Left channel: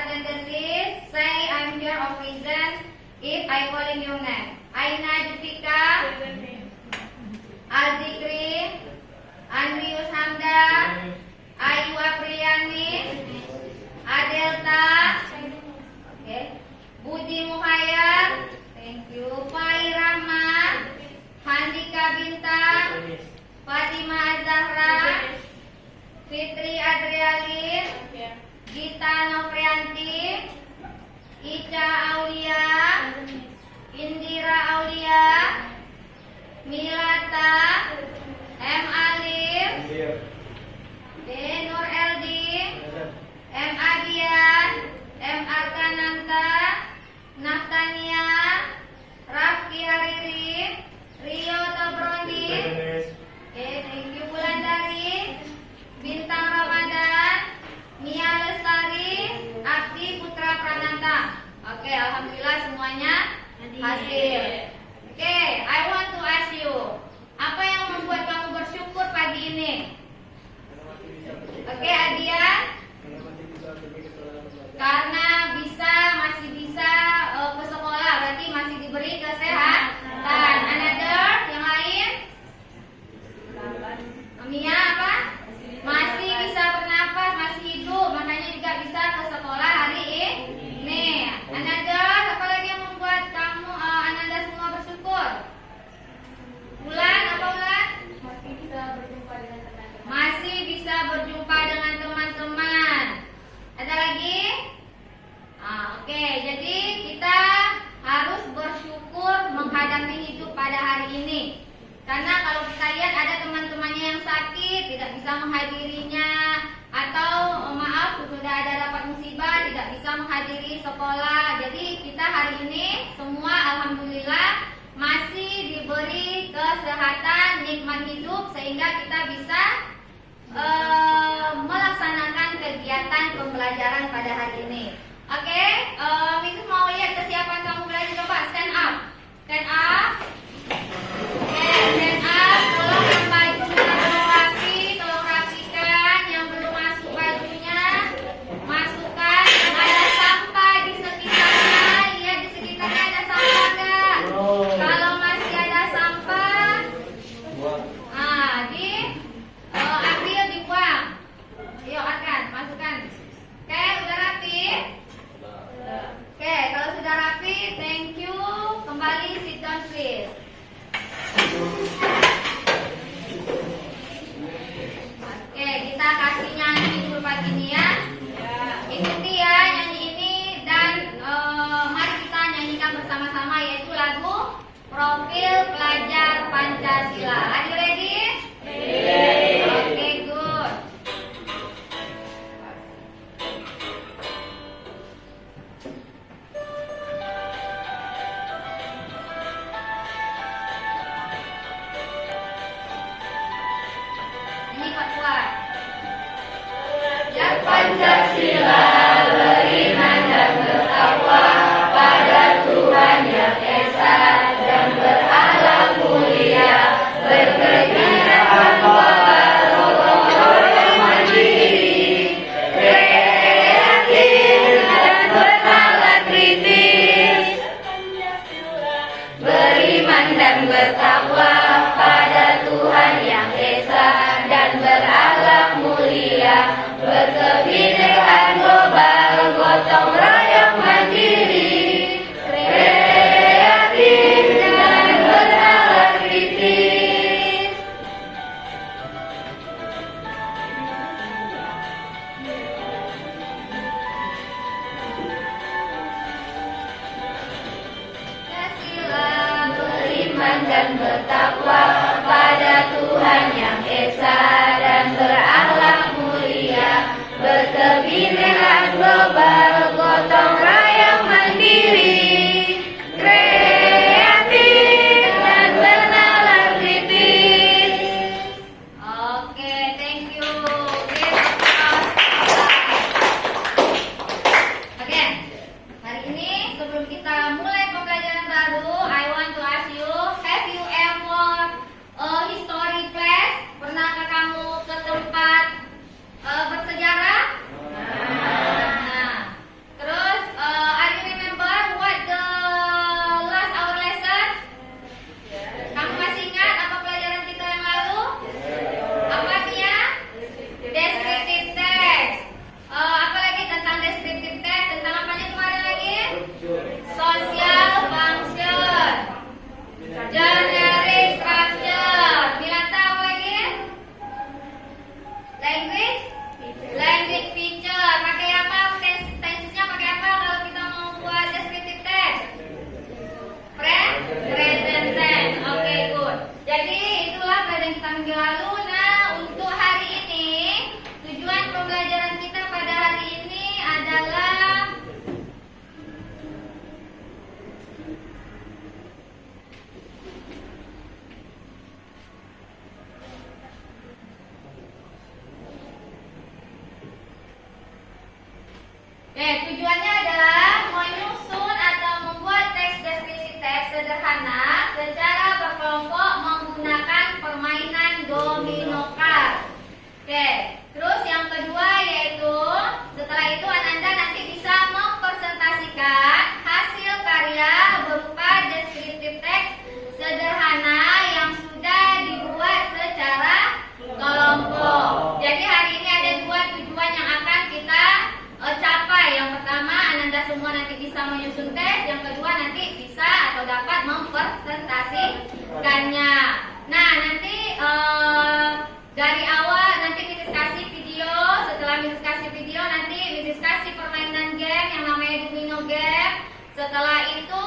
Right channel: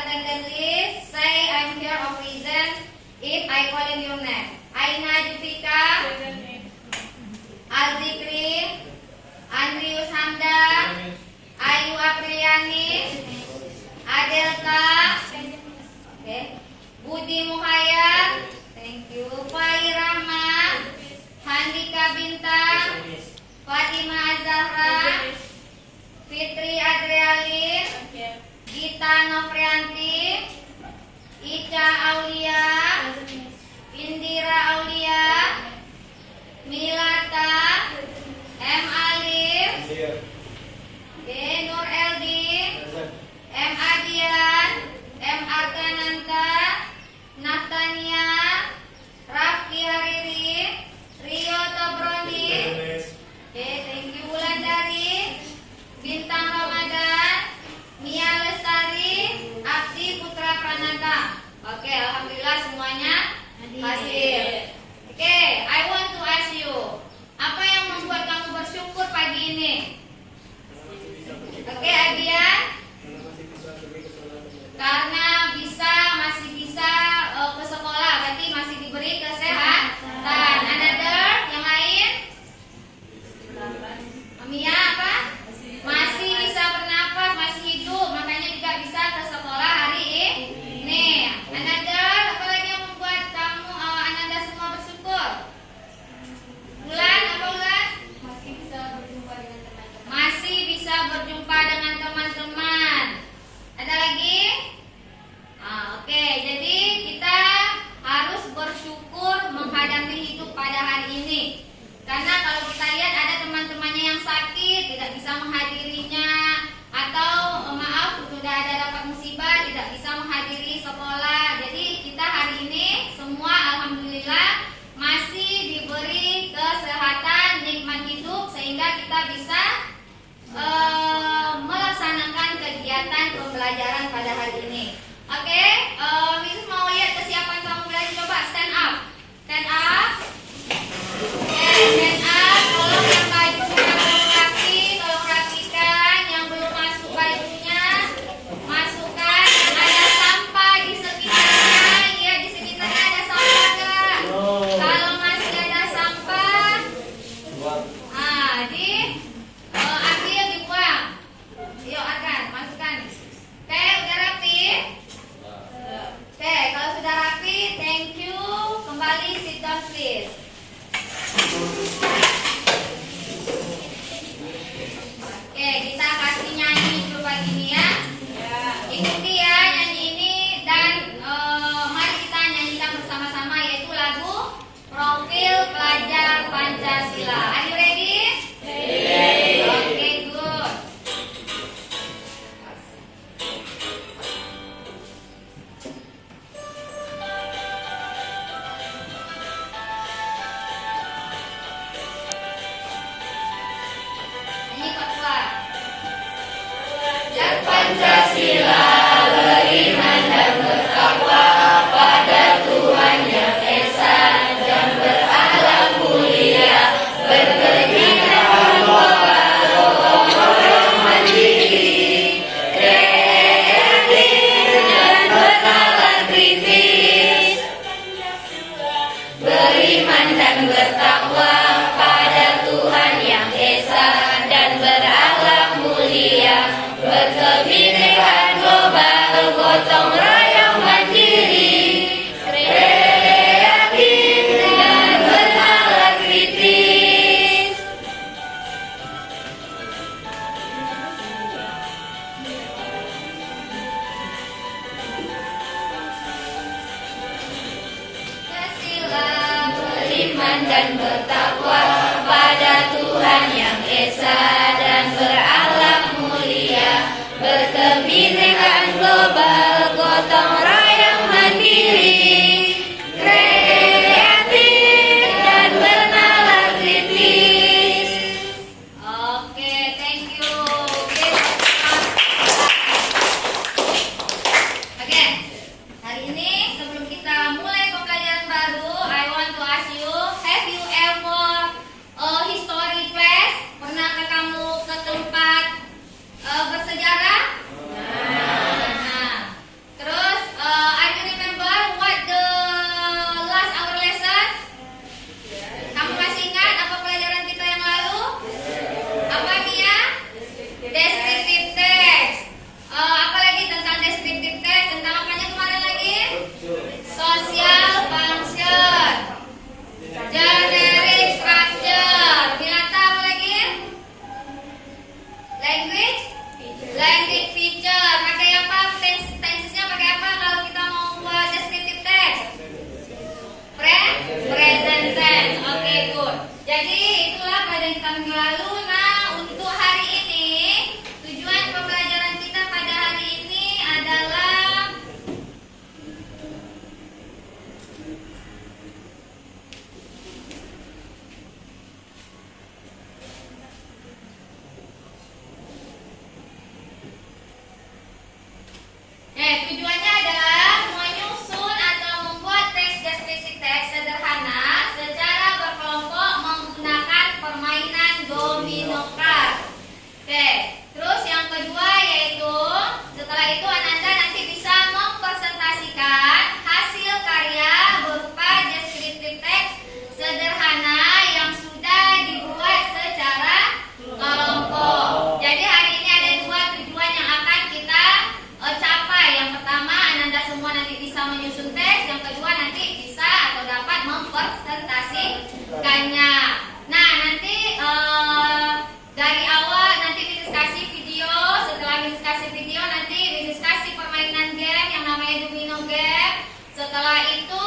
attendance list, say I'm here or present if I call in your name. Aina Jufika, Azikri, Andrius Hamdan, Ayu Apriliani, Adelta, okay. Budi Muhayyad, thank you. Fai Rahma, Handika Bintang, Fatimah Zahra, Fitri Adrialin, Gita Novrianti, Ica Aulia, Indira Aulia, Milata, M. Alif, Nur Eldi, M. Adian, M. Arkananta, Naftania, Rafki Hariri, Rio Tobroni, thank you. Wulandari, Bintang Ramadan, Mia Lestari, Abdi Putra Prananda. Oke, alhamdulillah semuanya hasil. Oke, I want to ask you, apa yang membuat kamu bersyukur pagi ini? Oke, Adian? Karena masih bisa ke sekolah, berarti masih diberi kesehatan. Another, yang lain? Mia apa? Masih bisa bernapas, masih hidup, makanya juga bisa ke sekolah hari ini. Another, apa lagi yang membuat kamu Ananda semua bersyukur? Bulan, apa Bulan? Masih bisa berjumpa dengan teman-teman. Masih bisa berjumpa dengan teman-teman. Ada lagi? Oke, jadi kita harus bersyukur menghadapi hidup pada hari ini. Karena kalau kita lihat ada teman-temannya yang sakit, tidak bisa menghadirinya, atau maaf sudah ada rapat musibah, tidak bisa menghadiri sekolah. Jadi kita hari ini semua alhamdulillah masih diberi kesehatan, nikmat hidup, sehingga kita bisa melaksanakan kegiatan pembelajaran pada hari ini. Oke, Mrs. mau lihat kesiapan kamu belajar, coba stand up. Stand up. Oke, stand up. Tolong yang bajunya belum rapi, tolong rapikan. Yang belum masuk bajunya, masukkan. Yang ada sampah di sekitarnya, lihat di sekitarnya ada sampah enggak? Kalau masih ada sampah, ambil dibuang. Yuk Adran, masukkan. Oke, udah rapi? Oke, kalau sudah rapi, thank you. Kembali sit down please. Oke, kita kasih nyanyi dulu pagi ini ya. Ikuti ya nyanyi ini dan mari kita nyanyikan bersama-sama, yaitu lagu Profil Pelajar Pancasila. Are you ready? Oke, good. Nyanyi kuat-kuat. Belajar Pancasila, beriman dan bertakwa pada Tuhan Yang Esa dan berakhlak mulia, berkegiatan global, yang mandiri, kreatif dan bernalar kritis. Beriman dan bertakwa pada Tuhan Yang Esa dan berakhlak mulia, berkebinekaan global, gotong royong mandiri, kreatif dan bernalar kritis. Pancasila, beriman dan bertakwa pada Tuhan Yang Esa dan berakhlak mulia, berkebinekaan global, gotong royong mandiri, kreatif dan bernalar kritis. Oke, thank you. Oke, hari ini sebelum kita mulai pembelajaran baru, I want to ask you, have you ever tujuannya adalah menyusun atau membuat teks deskripsi teks sederhana secara berkelompok menggunakan permainan domino card. Oke, terus yang kedua yaitu setelah itu Ananda nanti bisa mempresentasikan hasil karya berupa deskripsi teks sederhana yang sudah dibuat secara kelompok. Jadi hari ini ada dua tujuan yang akan kita capai. Yang pertama, Ananda semua nanti bisa menyusun teks. Yang kedua, nanti bisa atau dapat mempresentasikannya. Nah, nanti dari awal nanti Miss kasih video. Setelah Miss kasih video, nanti Miss kasih permainan game yang namanya domino game. Setelah itu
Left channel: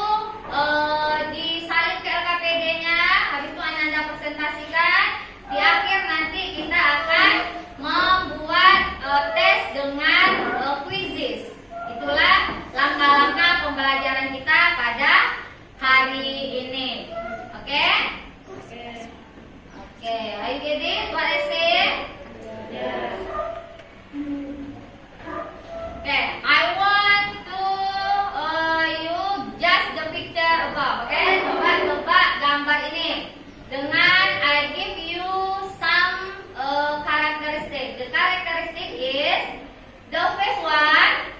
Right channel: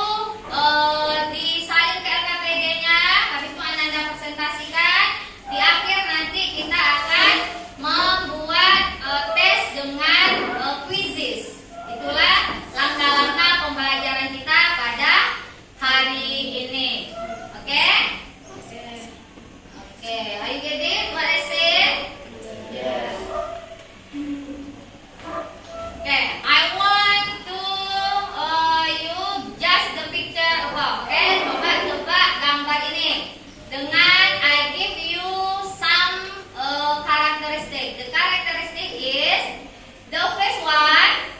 disalin ke LKPD-nya. Habis itu Ananda presentasikan. Di akhir nanti kita akan membuat tes dengan quizzes. Itulah langkah-langkah pembelajaran kita pada hari ini. Oke? Oke, are you getting what I said? Okay, I want to you just the picture above. Okay, coba tebak gambar ini dengan I give you some characteristic. The characteristic is the first one.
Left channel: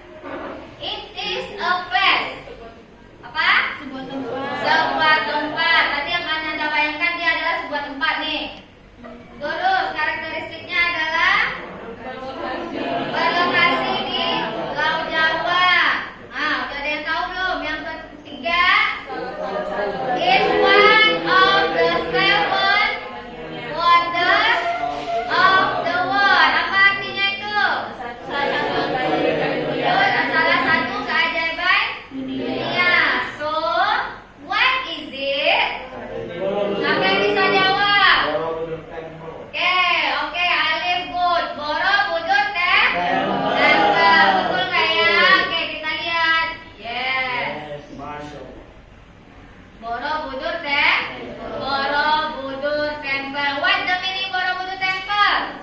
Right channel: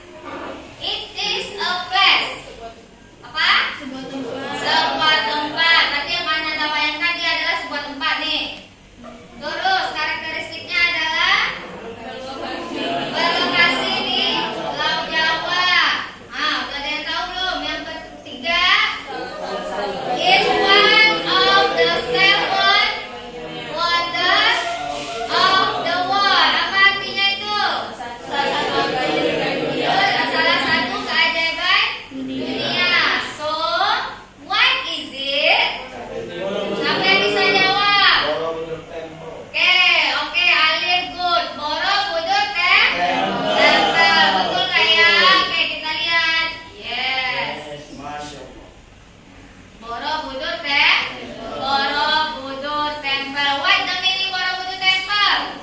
It is a place. Apa? Sebuah tempat. Sebuah tempat. Berarti yang Anda bayangkan dia adalah sebuah tempat nih. Terus karakteristiknya adalah berlokasi di Laut Jawa. Udah ada yang tahu belum? Yang ketiga, is one of the seven wonders of the world. Apa artinya itu? Salah satu keajaiban dunia. So, what is it? Siapa yang bisa jawab? Oke, Alif good. Borobudur tempel. Betul nggak ya? Oke, kita lihat. Yes. Borobudur tempel. What the meaning Borobudur temple?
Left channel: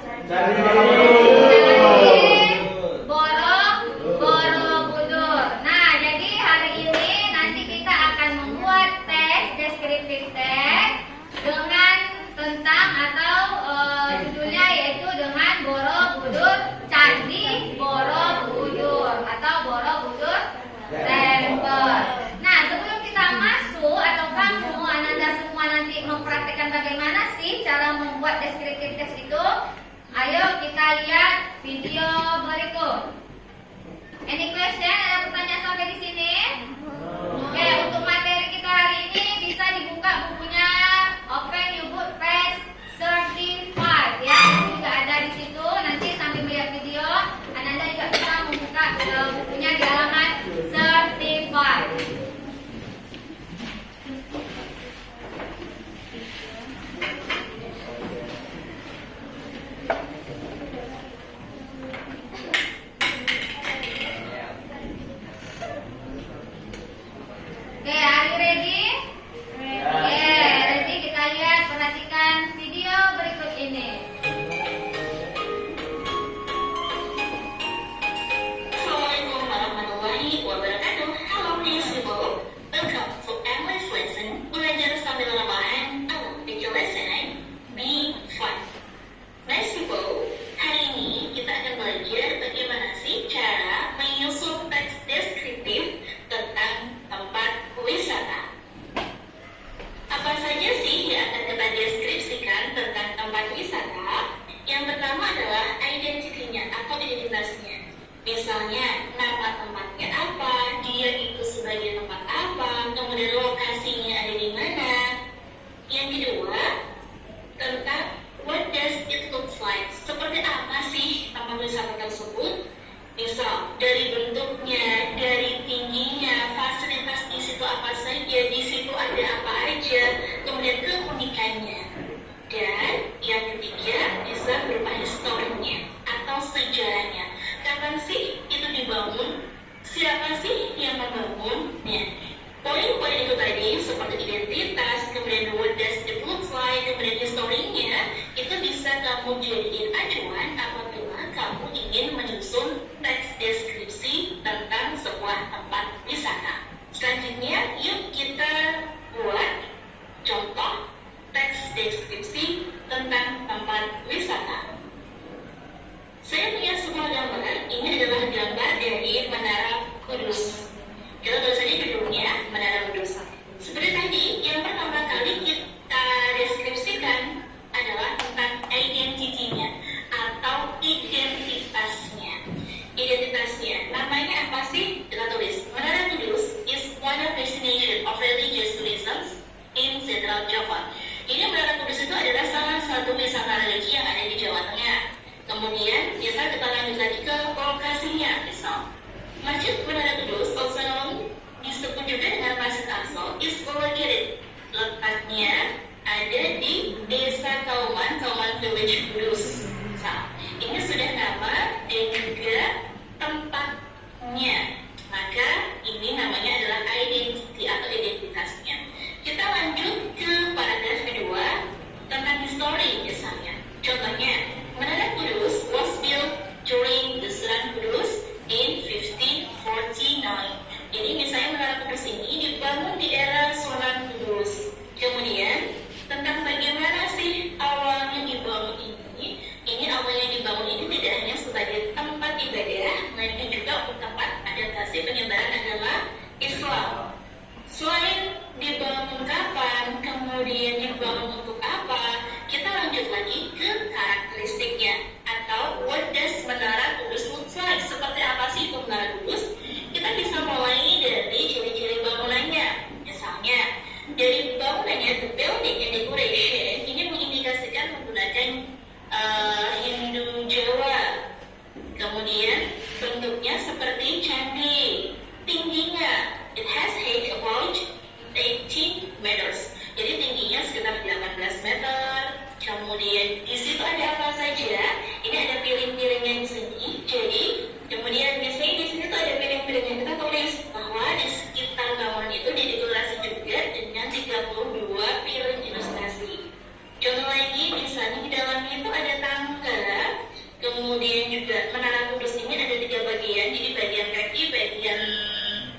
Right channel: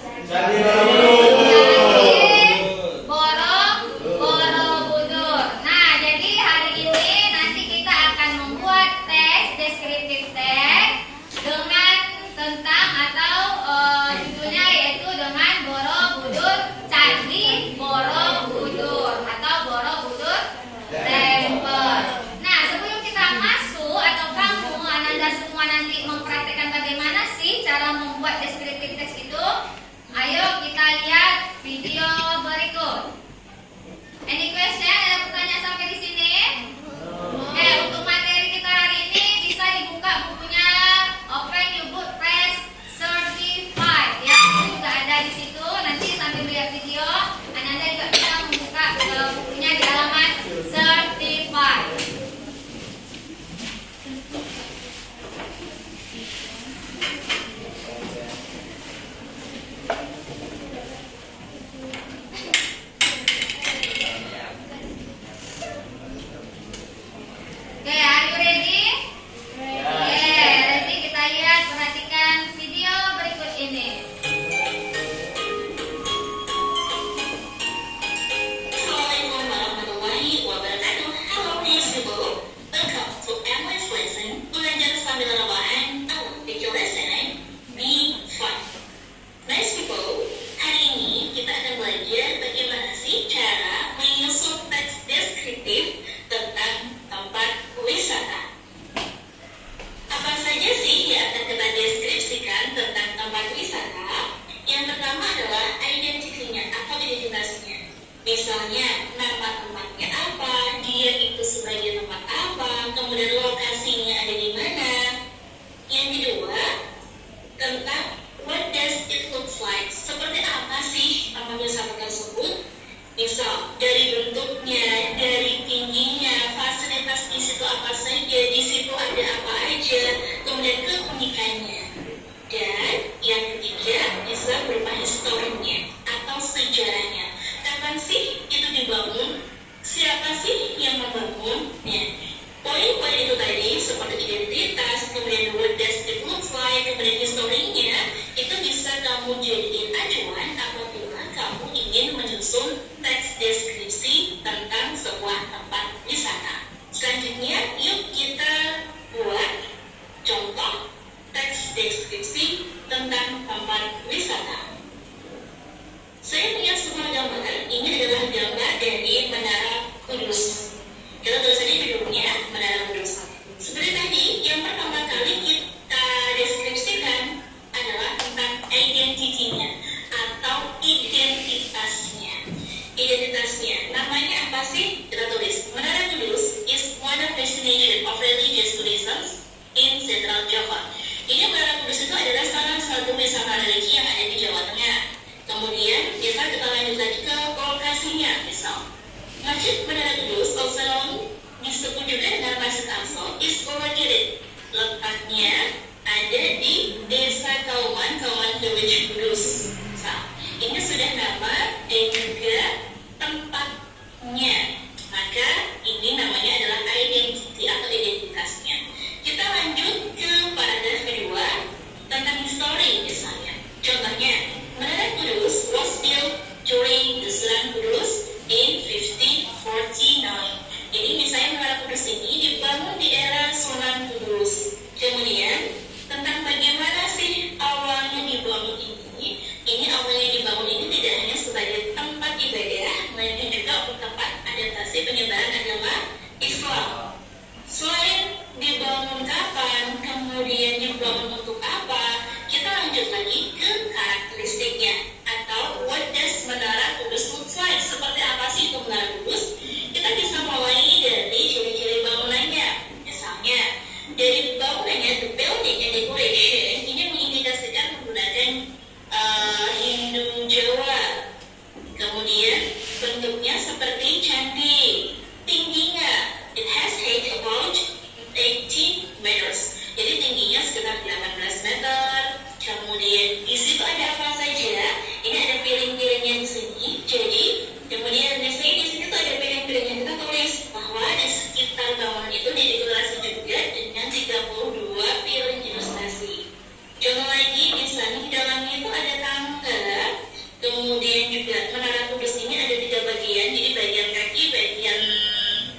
Borobudur. Nah, jadi hari ini nanti kita akan membuat teks deskriptif teks dengan tentang atau judulnya yaitu dengan Borobudur, Candi Borobudur atau Borobudur Temple. Nah, sebelum kita masuk atau kamu Ananda semua nanti mempraktekkan bagaimana sih cara membuat deskriptif teks itu, ayo kita lihat video berikut. Any question? Ada pertanyaan sampai di sini? Oke, untuk materi kita hari ini bisa dibuka bukunya. Open your book page 35 ya. Itu juga ada di situ. Nanti sambil melihat video, Ananda juga bisa membuka bukunya di halaman 35. Oke, are you ready? Oke, ready, kita lihat, perhatikan video berikut ini. Assalamualaikum warahmatullahi wabarakatuh. Halo Miss People. Welcome to English lesson. Belajar sambil rebahan. Make your lesson be fun. Nice People, hari ini kita akan belajar bagaimana sih cara menyusun teks deskriptif tentang tempat wisata. Apa saja sih yang akan kita deskripsikan tentang tempat wisata? Yang pertama adalah identitinya atau identitasnya. Misalnya, nama tempatnya apa, dia itu sebagai tempat apa, kemudian lokasinya ada di mana. Yang kedua, tentang what does it look like, seperti apa sih tempat wisata tersebut. Misal, dari bentuknya, dari tingginya, fasilitas di situ apa saja, di situ ada apa aja, kemudian keunikannya. Dan yang ketiga, bisa berupa historinya atau sejarahnya. Kapan sih itu dibangun? Siapa sih yang membangunnya? Poin-poin itu tadi seperti identitas, kemudian what does it look like, kemudian historinya, itu bisa kamu jadiin acuan apabila kamu ingin menyusun teks deskripsi tentang Kemudian kita lanjut lagi ke lokasinya. Misal, Masjid Menara Kudus, also known, disebut juga dengan Masjid Aqsa, is located. Letaknya ada di Desa Kauman Village Kudus. Nah, ini sudah nama dan juga tempatnya. Maka ini namanya adalah identity atau identitasnya. Kita lanjut ke paragraf kedua tentang histori misalnya. Contohnya, Menara Kudus was built during the Sunan Kudus in 1549. Jadi misalnya Menara Kudus ini dibangun di era Sunan Kudus. Kemudian tentang bagaimana sih awalnya dibangun ini awalnya dibangun ini tidak hanya sebagai tempat ibadah, melainkan juga untuk tempat adaptasi penyebaran agama Islam. Selain dibangun kapan, kemudian dibangun untuk apa, kita lanjut lagi ke karakteristiknya atau what does Menara Kudus look like? Seperti apa sih itu Menara Kudus? Kita bisa mulai dari ciri-ciri bangunannya. Misalnya, dari bangunannya, the building and decoration ini mengindikasikan menggunakan Hindu Jawa. Kemudian bentuknya seperti candi. Tingginya, it has height about 18 meters. Jadi tingginya sekitar 18 meter. Kemudian di situ ada apa saja? Ini ada piring-piringnya di sini. Jadi kemudian biasanya di sini tuh ada piring-piringnya. Kita tulis bahwa di sekitar bangunan itu didekorasi juga dengan 32 piring ilustrasi. Contoh lagi, misalnya di dalamnya itu ada tangga. Kemudian juga Menara Kudus ini ada 3 bagian. Jadi bagian kaki, bagian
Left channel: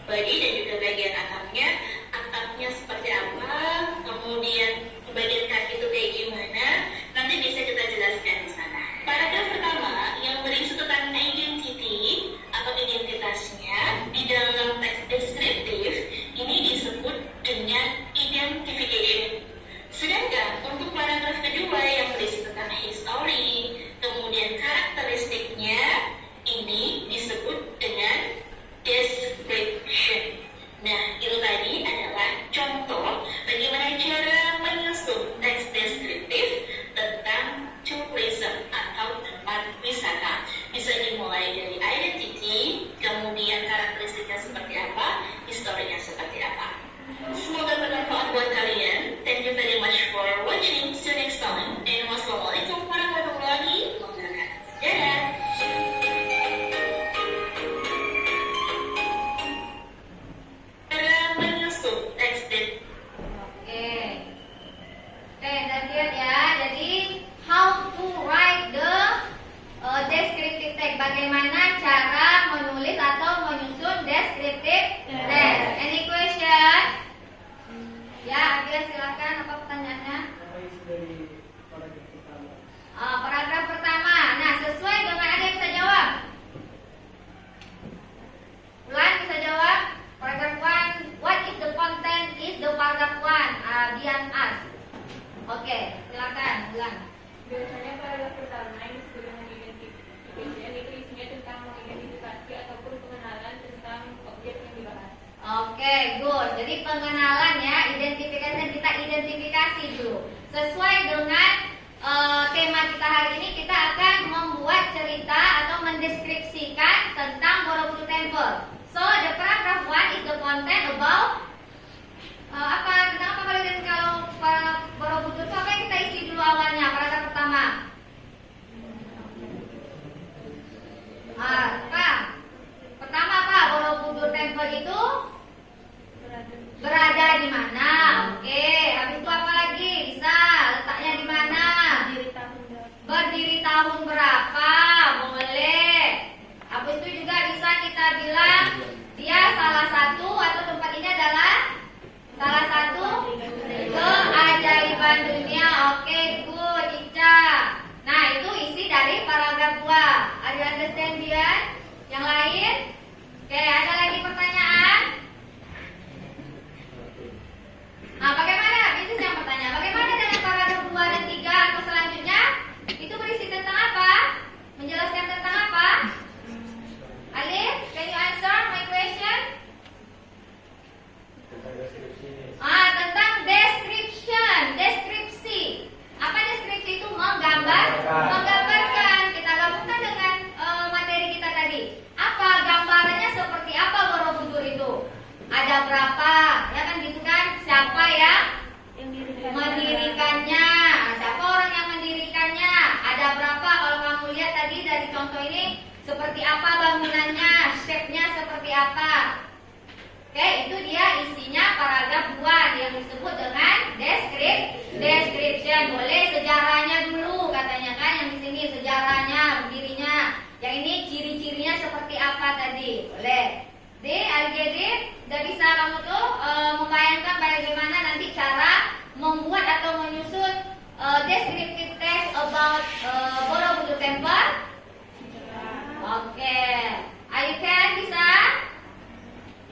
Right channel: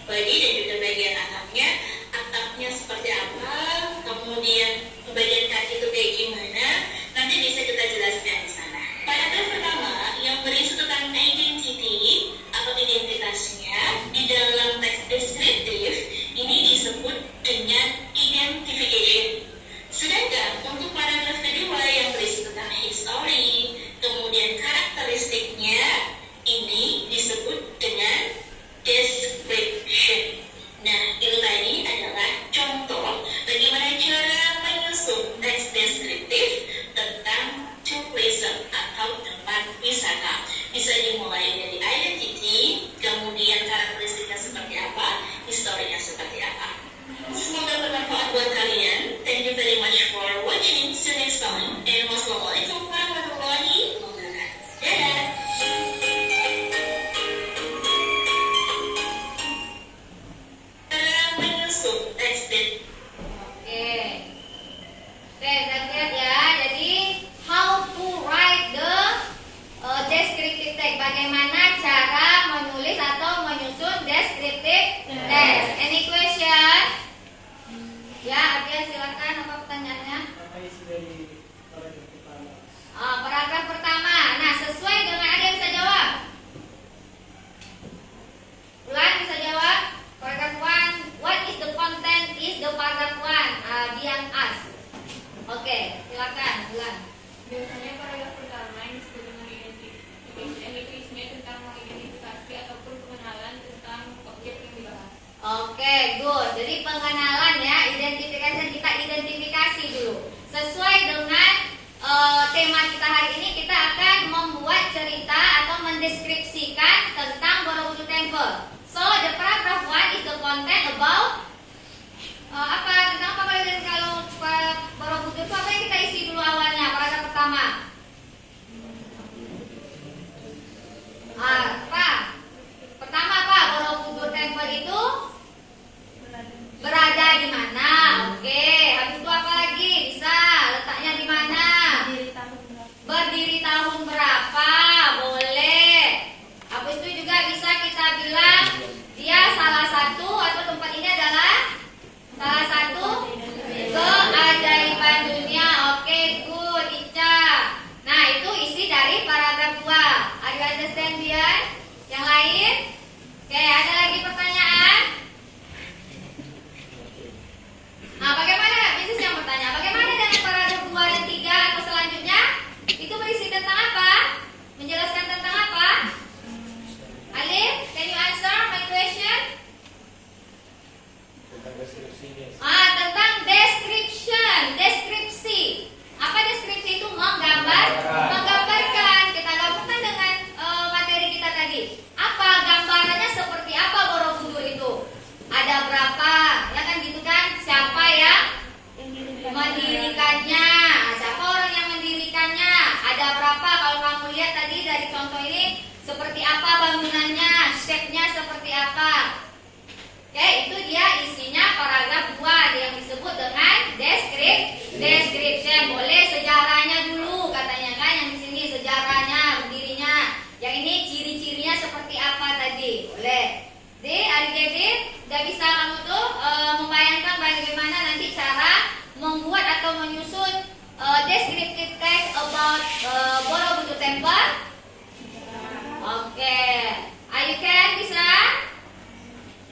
bodi, dan juga bagian atapnya. Atapnya seperti apa? Kemudian bagian kaki itu kayak gimana? Nanti bisa kita jelaskan di sana. Paragraf pertama yang berisi tentang identity atau identitasnya di dalam teks deskriptif ini disebut dengan identification. Sedangkan untuk paragraf kedua yang berisi tentang history, kemudian karakteristiknya, ini disebut dengan description. Nah, itu tadi adalah contoh bagaimana cara menyusun teks deskriptif tentang tourism atau tempat wisata. Bisa dimulai dari identity, kemudian karakteristiknya seperti apa, historinya seperti apa. Semoga bermanfaat buat kalian. Thank you very much for watching. See you next time. And wassalamualaikum warahmatullahi wabarakatuh. Dadah. Menyusun teks deskriptif. Oke, kita lihat ya. Jadi how to write the descriptive text. Bagaimana cara menulis atau menyusun descriptive text. Any question? Ya, Adrian silakan. Apa pertanyaannya? Apa isi dari paragraf pertama? Paragraf pertama. Nah, sesuai dengan ada yang bisa jawab. Ulan bisa jawab. Paragraph 1. What is the content? Is the paragraph 1? Dian ask. Oke, silakan Ulan. Biasanya paragraf pertama yang disebut dengan identification itu isinya tentang mengidentifikasi ataupun pengenalan tentang objek yang dibahas. Oke, good. Jadi pengenalan ya, identifikasi, kita identifikasi dulu. Sesuai dengan tema kita hari ini, kita akan membuat cerita atau mendeskripsikan tentang Borobudur Temple. So, the paragraph 1 is the content about tentang apa kalau Borobudur itu apa yang kita isi dulu awalnya, paragraf pertama. Apa? Pertama apa? Borobudur Temple itu berada di mana? Oke, habis itu apa lagi? Bisa letaknya di mana? Berdiri tahun berapa? Boleh. Habis itu juga bisa kita bilang dia salah satu atau tempat ini adalah salah satu keajaiban dunia. Oke, good, Ica. Nah, itu isi dari paragraf 2. Are you understand, Dian? berapa? Ya kan gitu kan? Siapa yang mendirikannya? Siapa orang yang mendirikannya? Ada berapa? Kalau kamu lihat tadi dari contoh ini, seperti apa bangunannya? Shape-nya seperti apa? Oke, itu dia isinya paragraf 2 yang disebut dengan description. Boleh sejarahnya dulu katanya kan, yang di sini sejarahnya, berdirinya. Yang ini ciri-cirinya seperti apa tadi? Boleh. Jadi adik-adik udah bisa kamu tuh membayangkan bagaimana nanti cara membuat atau menyusun descriptive text about Borobudur Temple? Oke. Ayo kan bisa?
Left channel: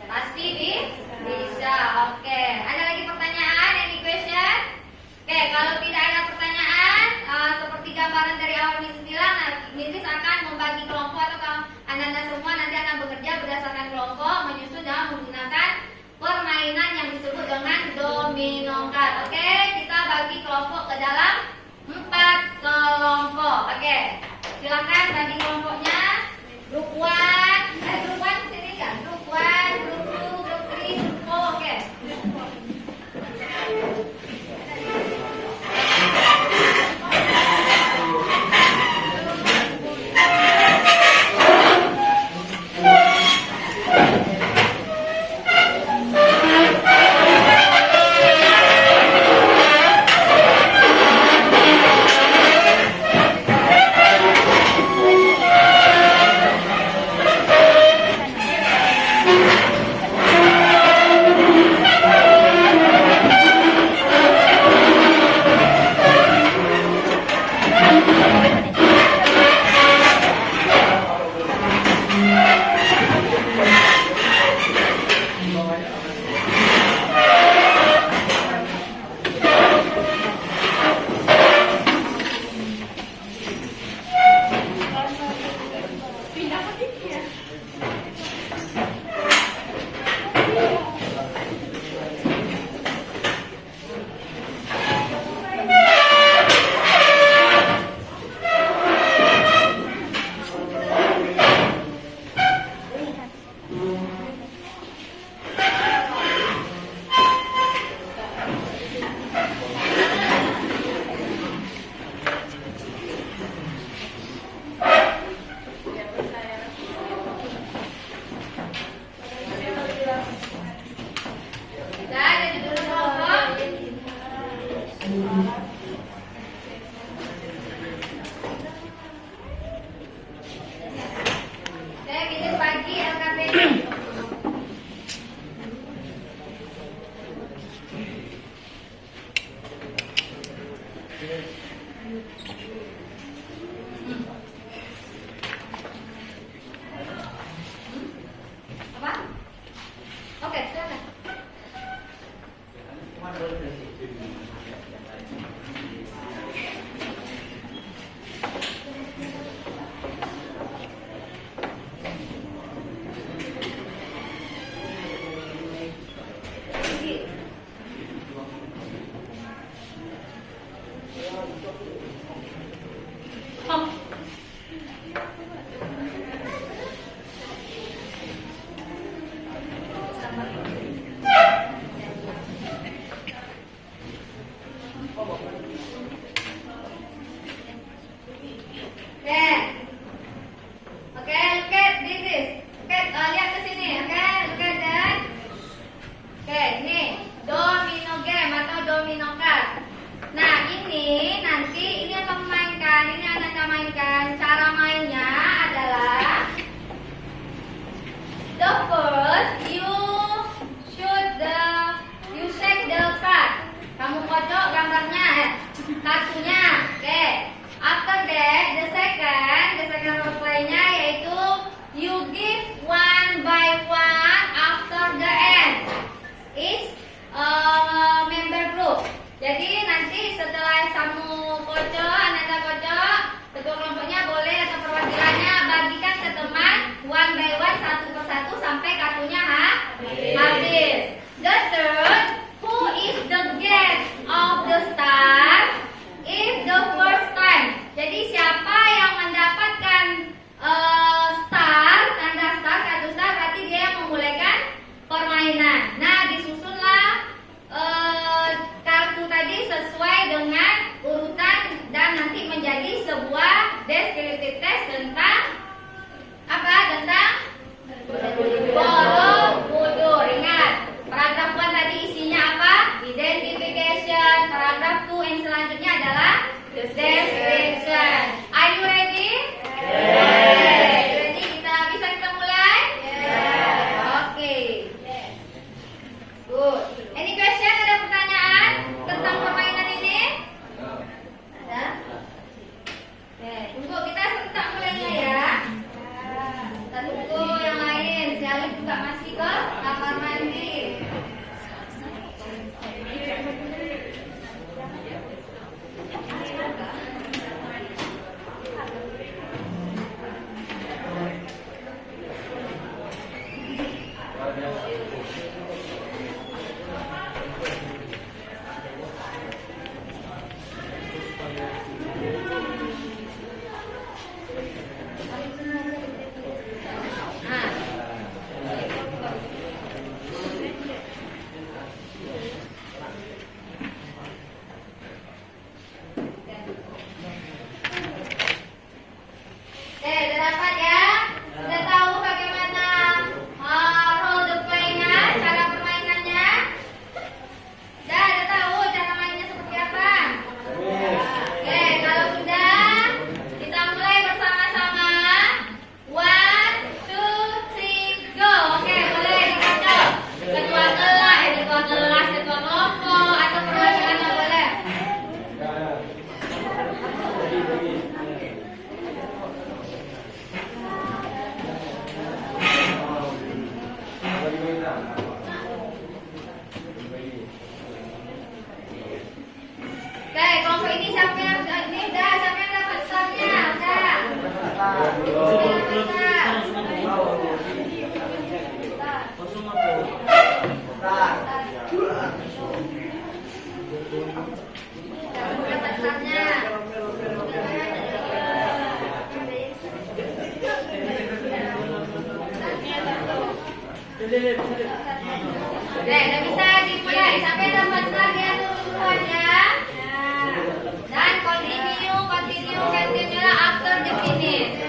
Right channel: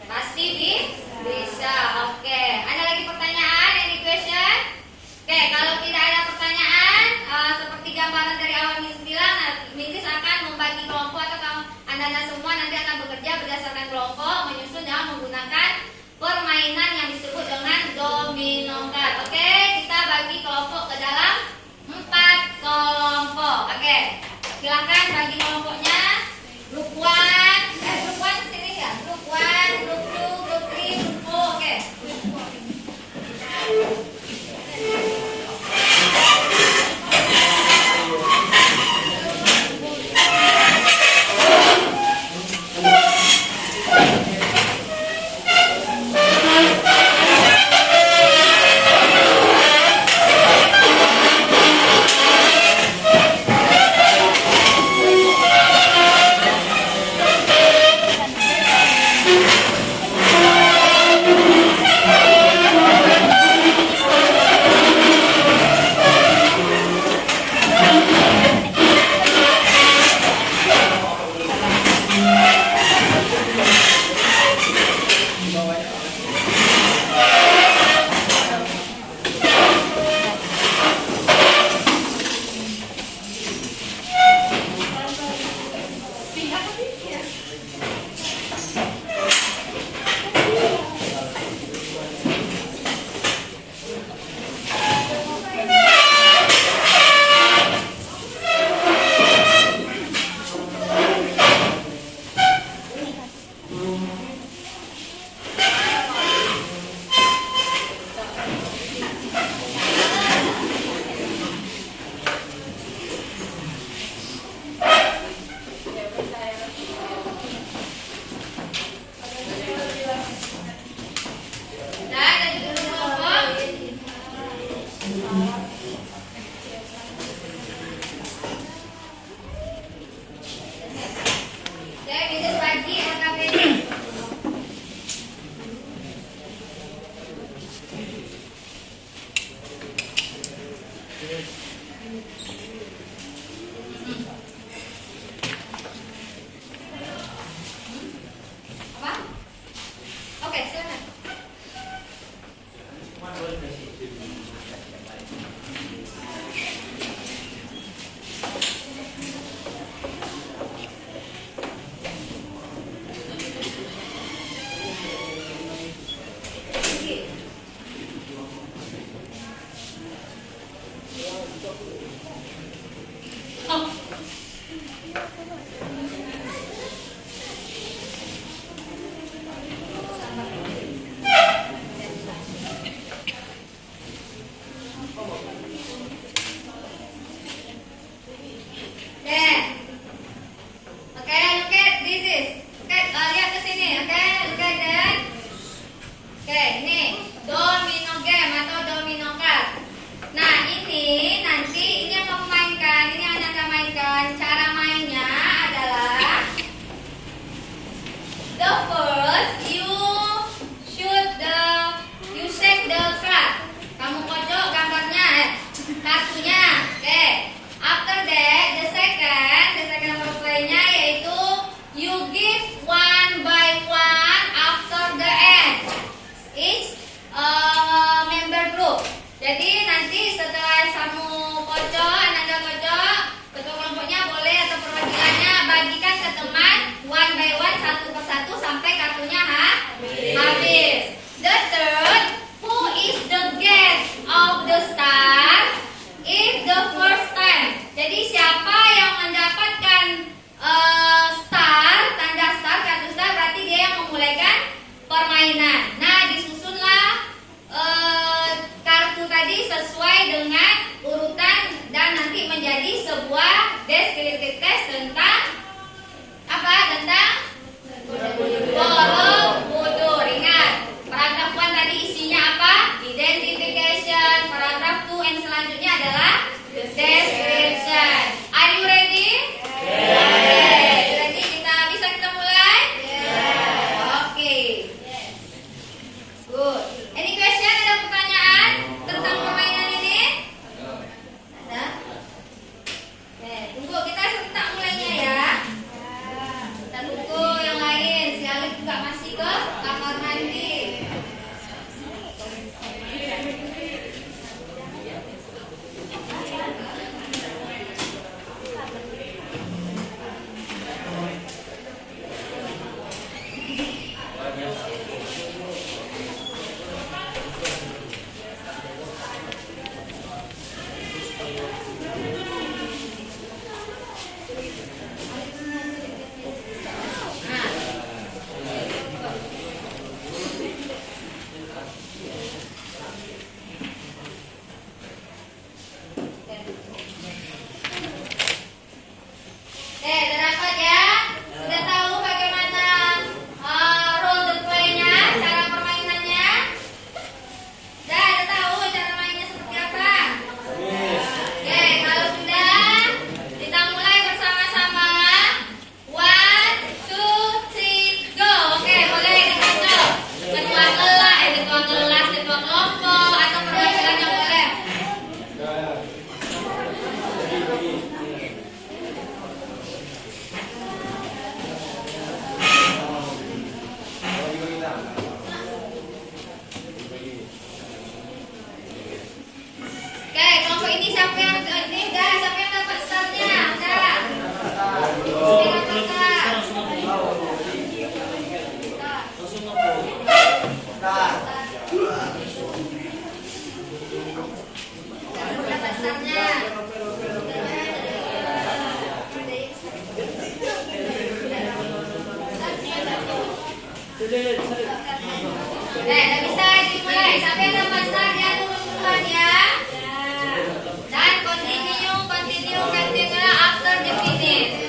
Pasti bisa. Oke. Ada lagi pertanyaan? Any question? Oke, kalau tidak ada pertanyaan, seperti gambaran dari awal Miss bilang, Miss akan membagi kelompok atau anda semua nanti akan bekerja berdasarkan kelompok, menyusun dan menggunakan permainan yang disebut dengan domino card. Oke, kita bagi kelompok ke dalam 4 kelompok. Oke, silakan bagi kelompoknya. Group 1, group 1 sini ya. Group 1, group 2, group 3, group 4. Oke. Udah bisa dimulai sampai tempat start ya, turun ya. Dan continue after the finish.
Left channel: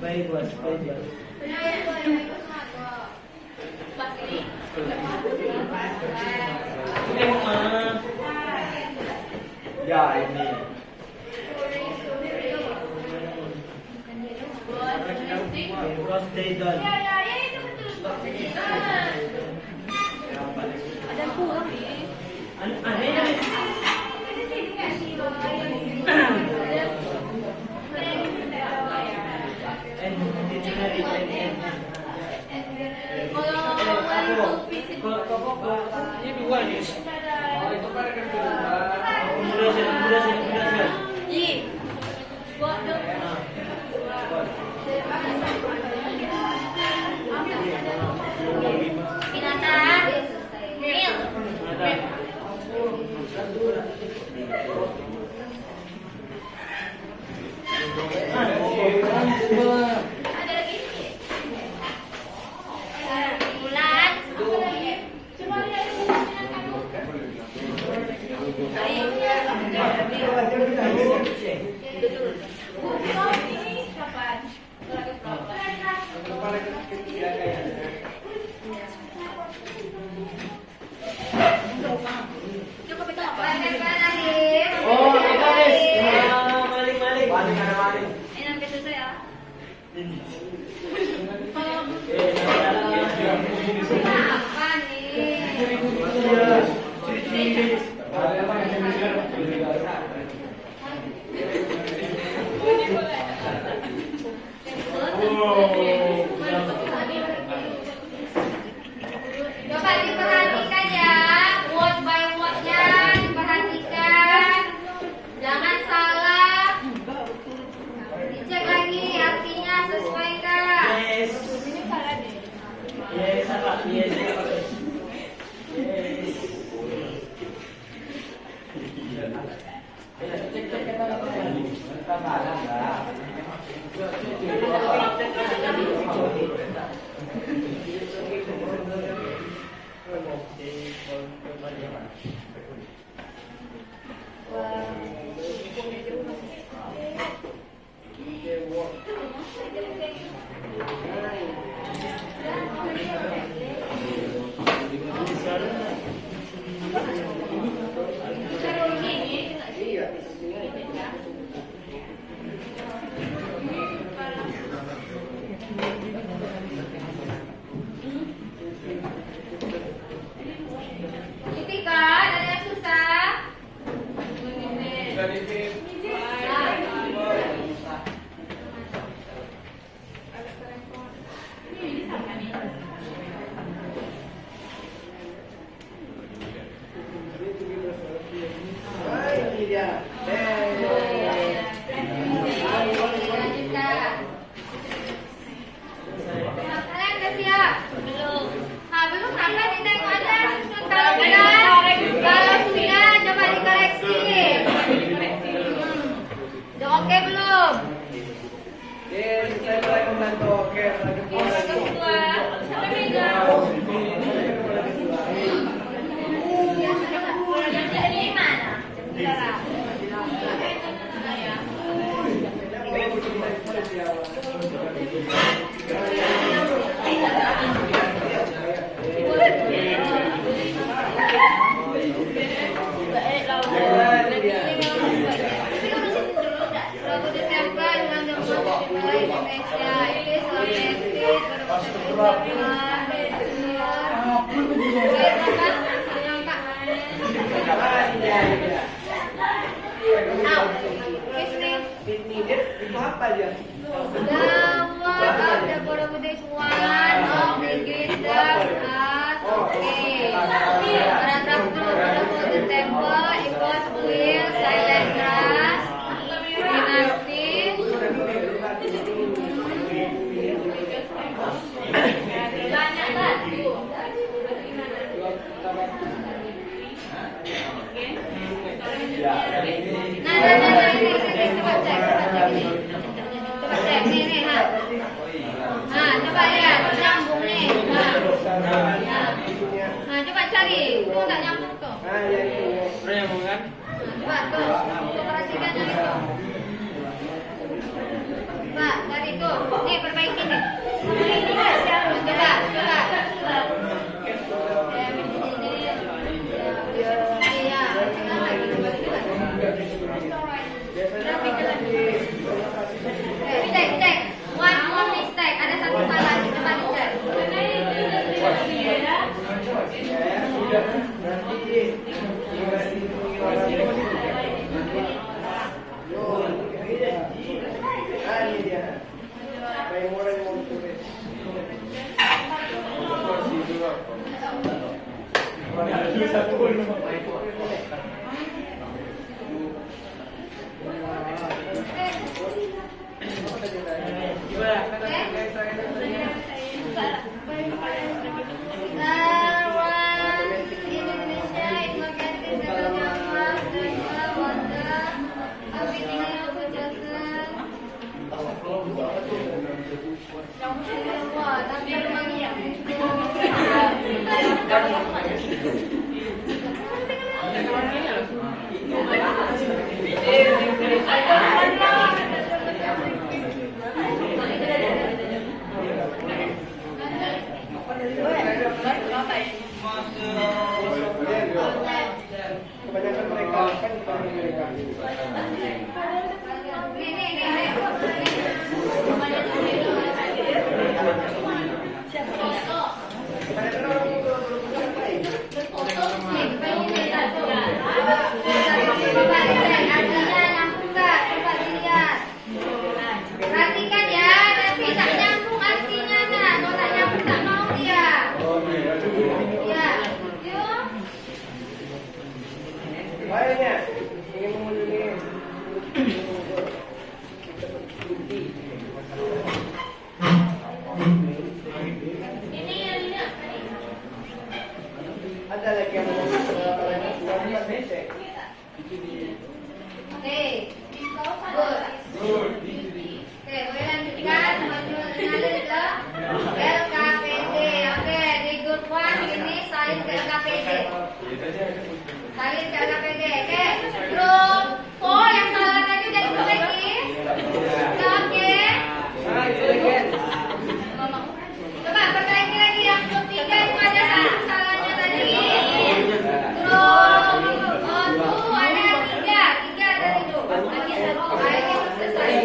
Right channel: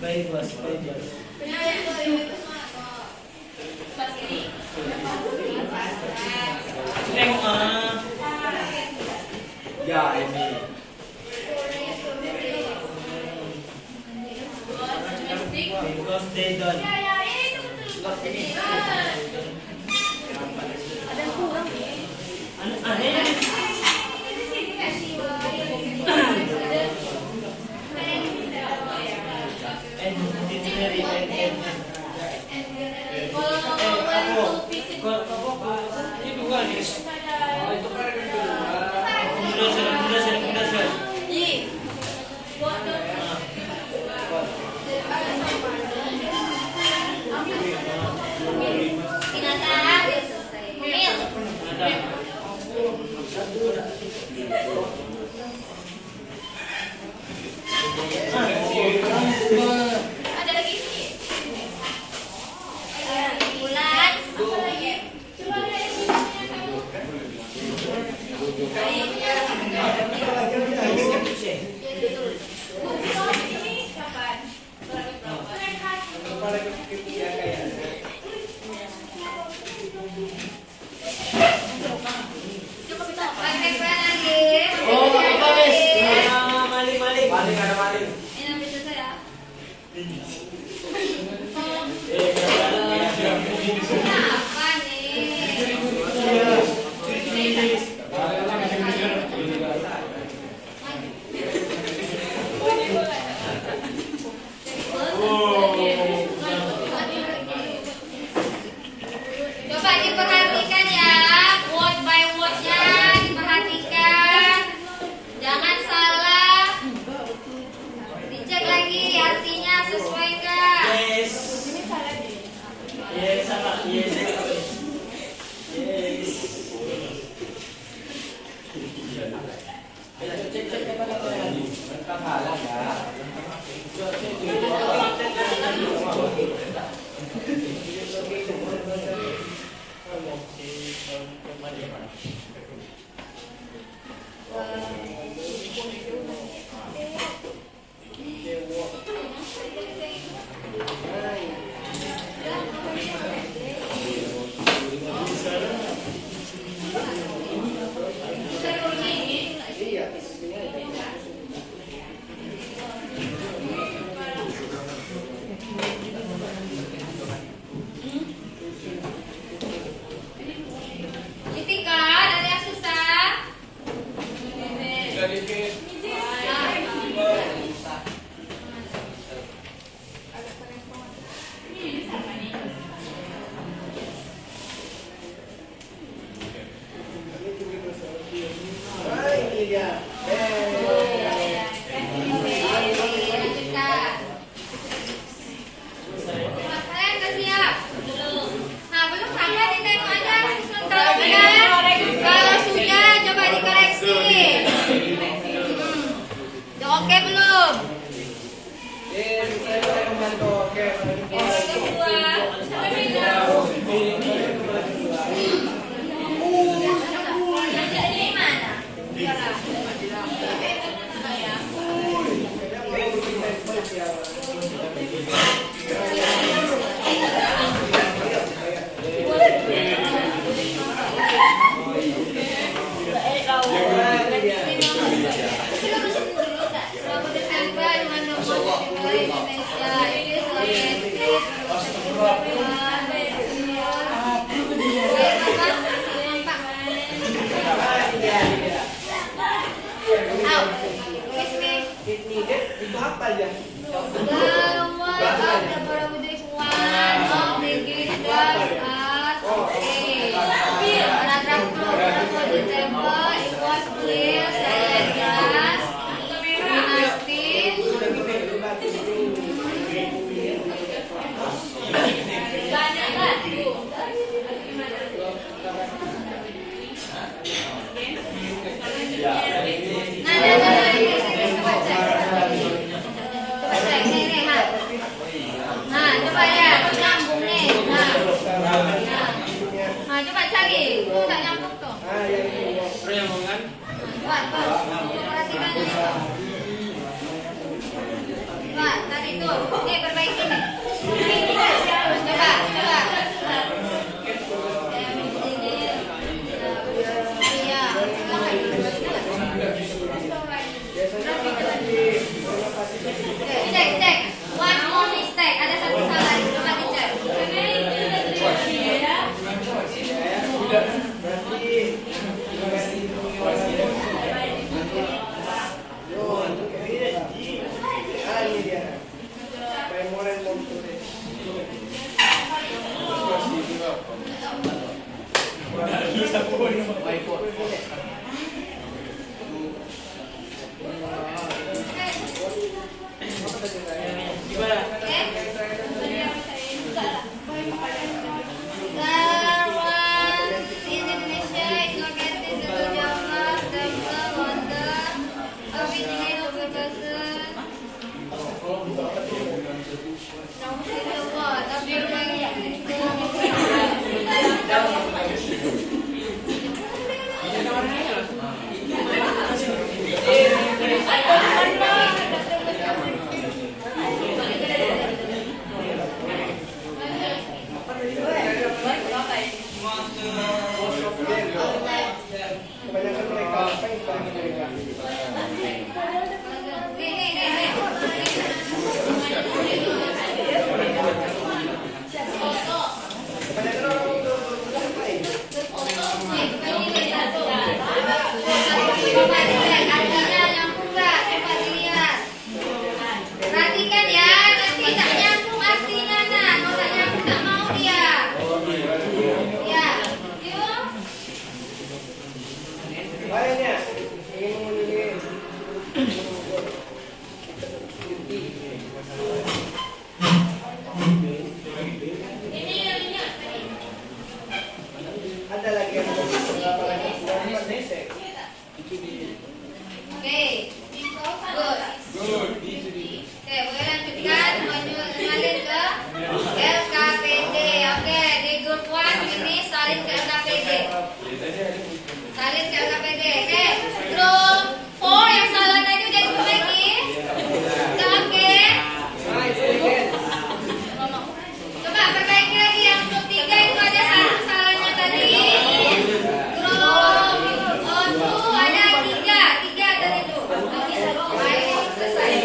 Baik, Bos. Ya, ini. Because they done. Coba diperhatikan ya, word by wordnya diperhatikan, jangan salah. Dicek lagi artinya sesuai nggak? Yes. Yes, apa? Yes. Yes. Itu apa ya? Kebanyakan mereka apa yang dipanggil mereka? Kebanyakan orang ngapain? Perhatikan ya, nanti tak nyambung artinya nah, kalau tak nyambung tak mau dia. Ya, yuk. Lainnya ingin mengunjungi ada lagi yang mau Oke, good. Oke, boleh lanjutkan mengalir ke LKPD. Oke, di grup 1 ini salin ke LKPD. Salin ke LKPD. Oke, grup 4 yang salah tadi udah diperbaiki. Oke. Coba perbaiki lagi yang grup 3 itu ada satu salahnya tadi. Grup 2 ada 3 tadi tuh. Ayo selesai.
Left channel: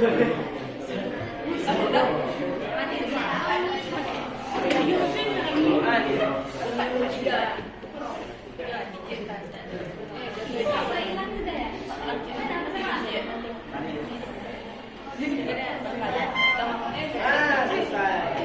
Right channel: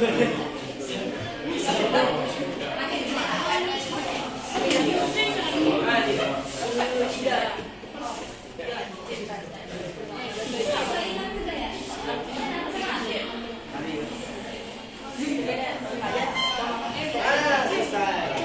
Ah, selesai.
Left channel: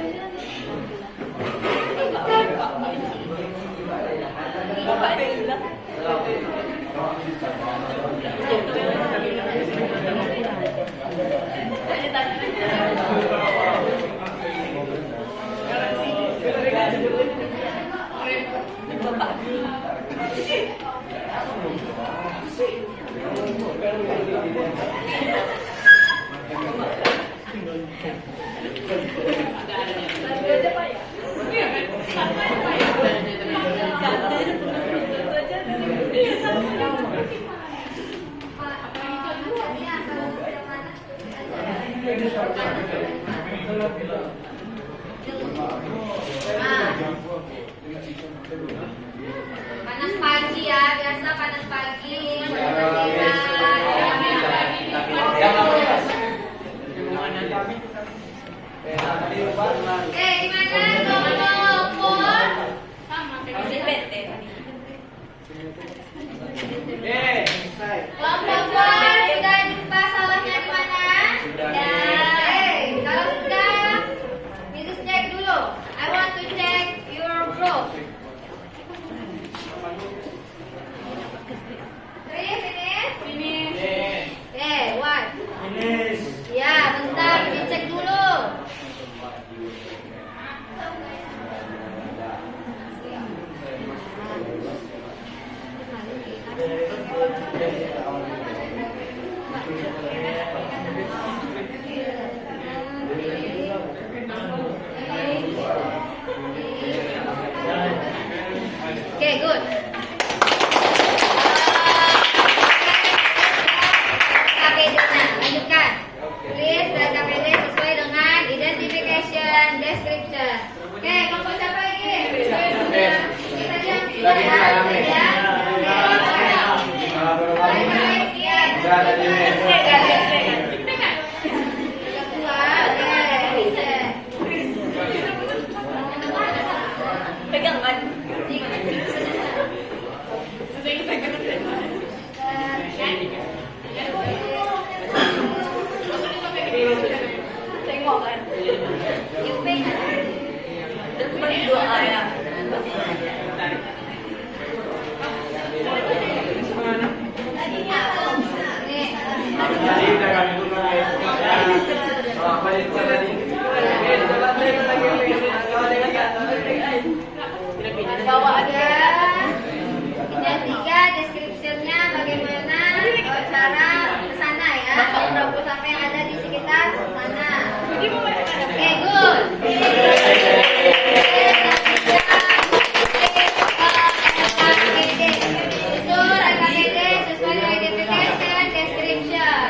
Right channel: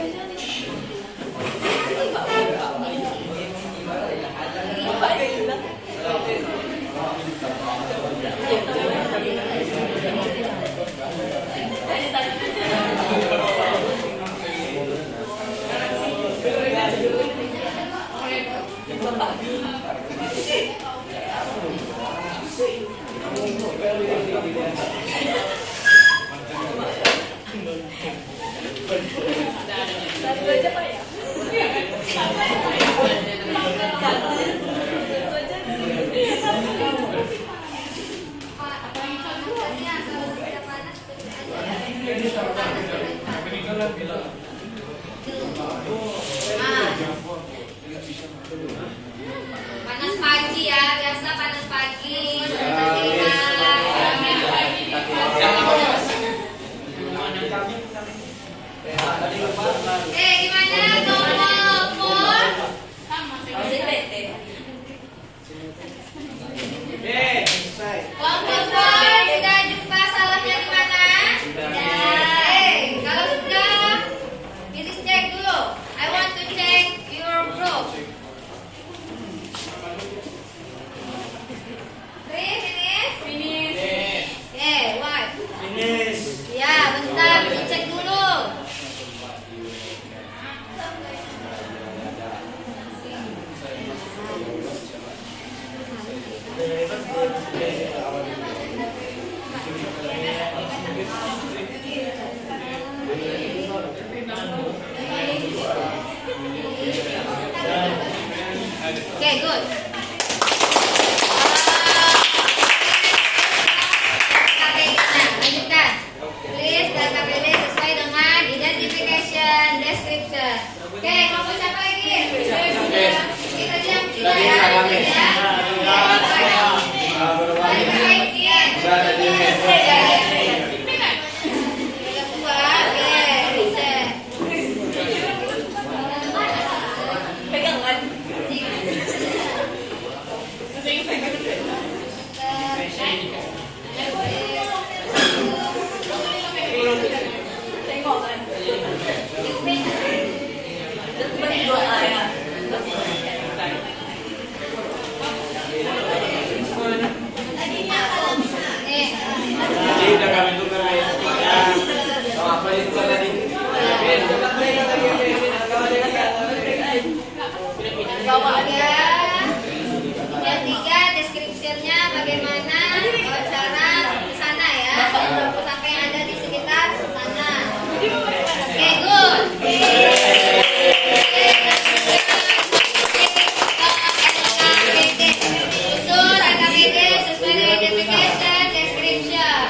Panas pagi ya, biasa panas pagi. Gimana Pur? Selesai. Kelompok Pur, sudah jumpa salahnya di mana? Kalau sudah, please cek dulu. I want to check your group. 3 minutes? What? Ya, bentar, dicek dulu. Oke, good. Lanjutkan. Please dan KPD sesuai dengan identification description. Oke, kelompok siapa lagi? Kita diam sudah ya. Yang 3 description-nya bagaimana cara kesana ya, sampai yang ada di sekitar sana. Oke, good. Susun KPD sesuai dengan identification description.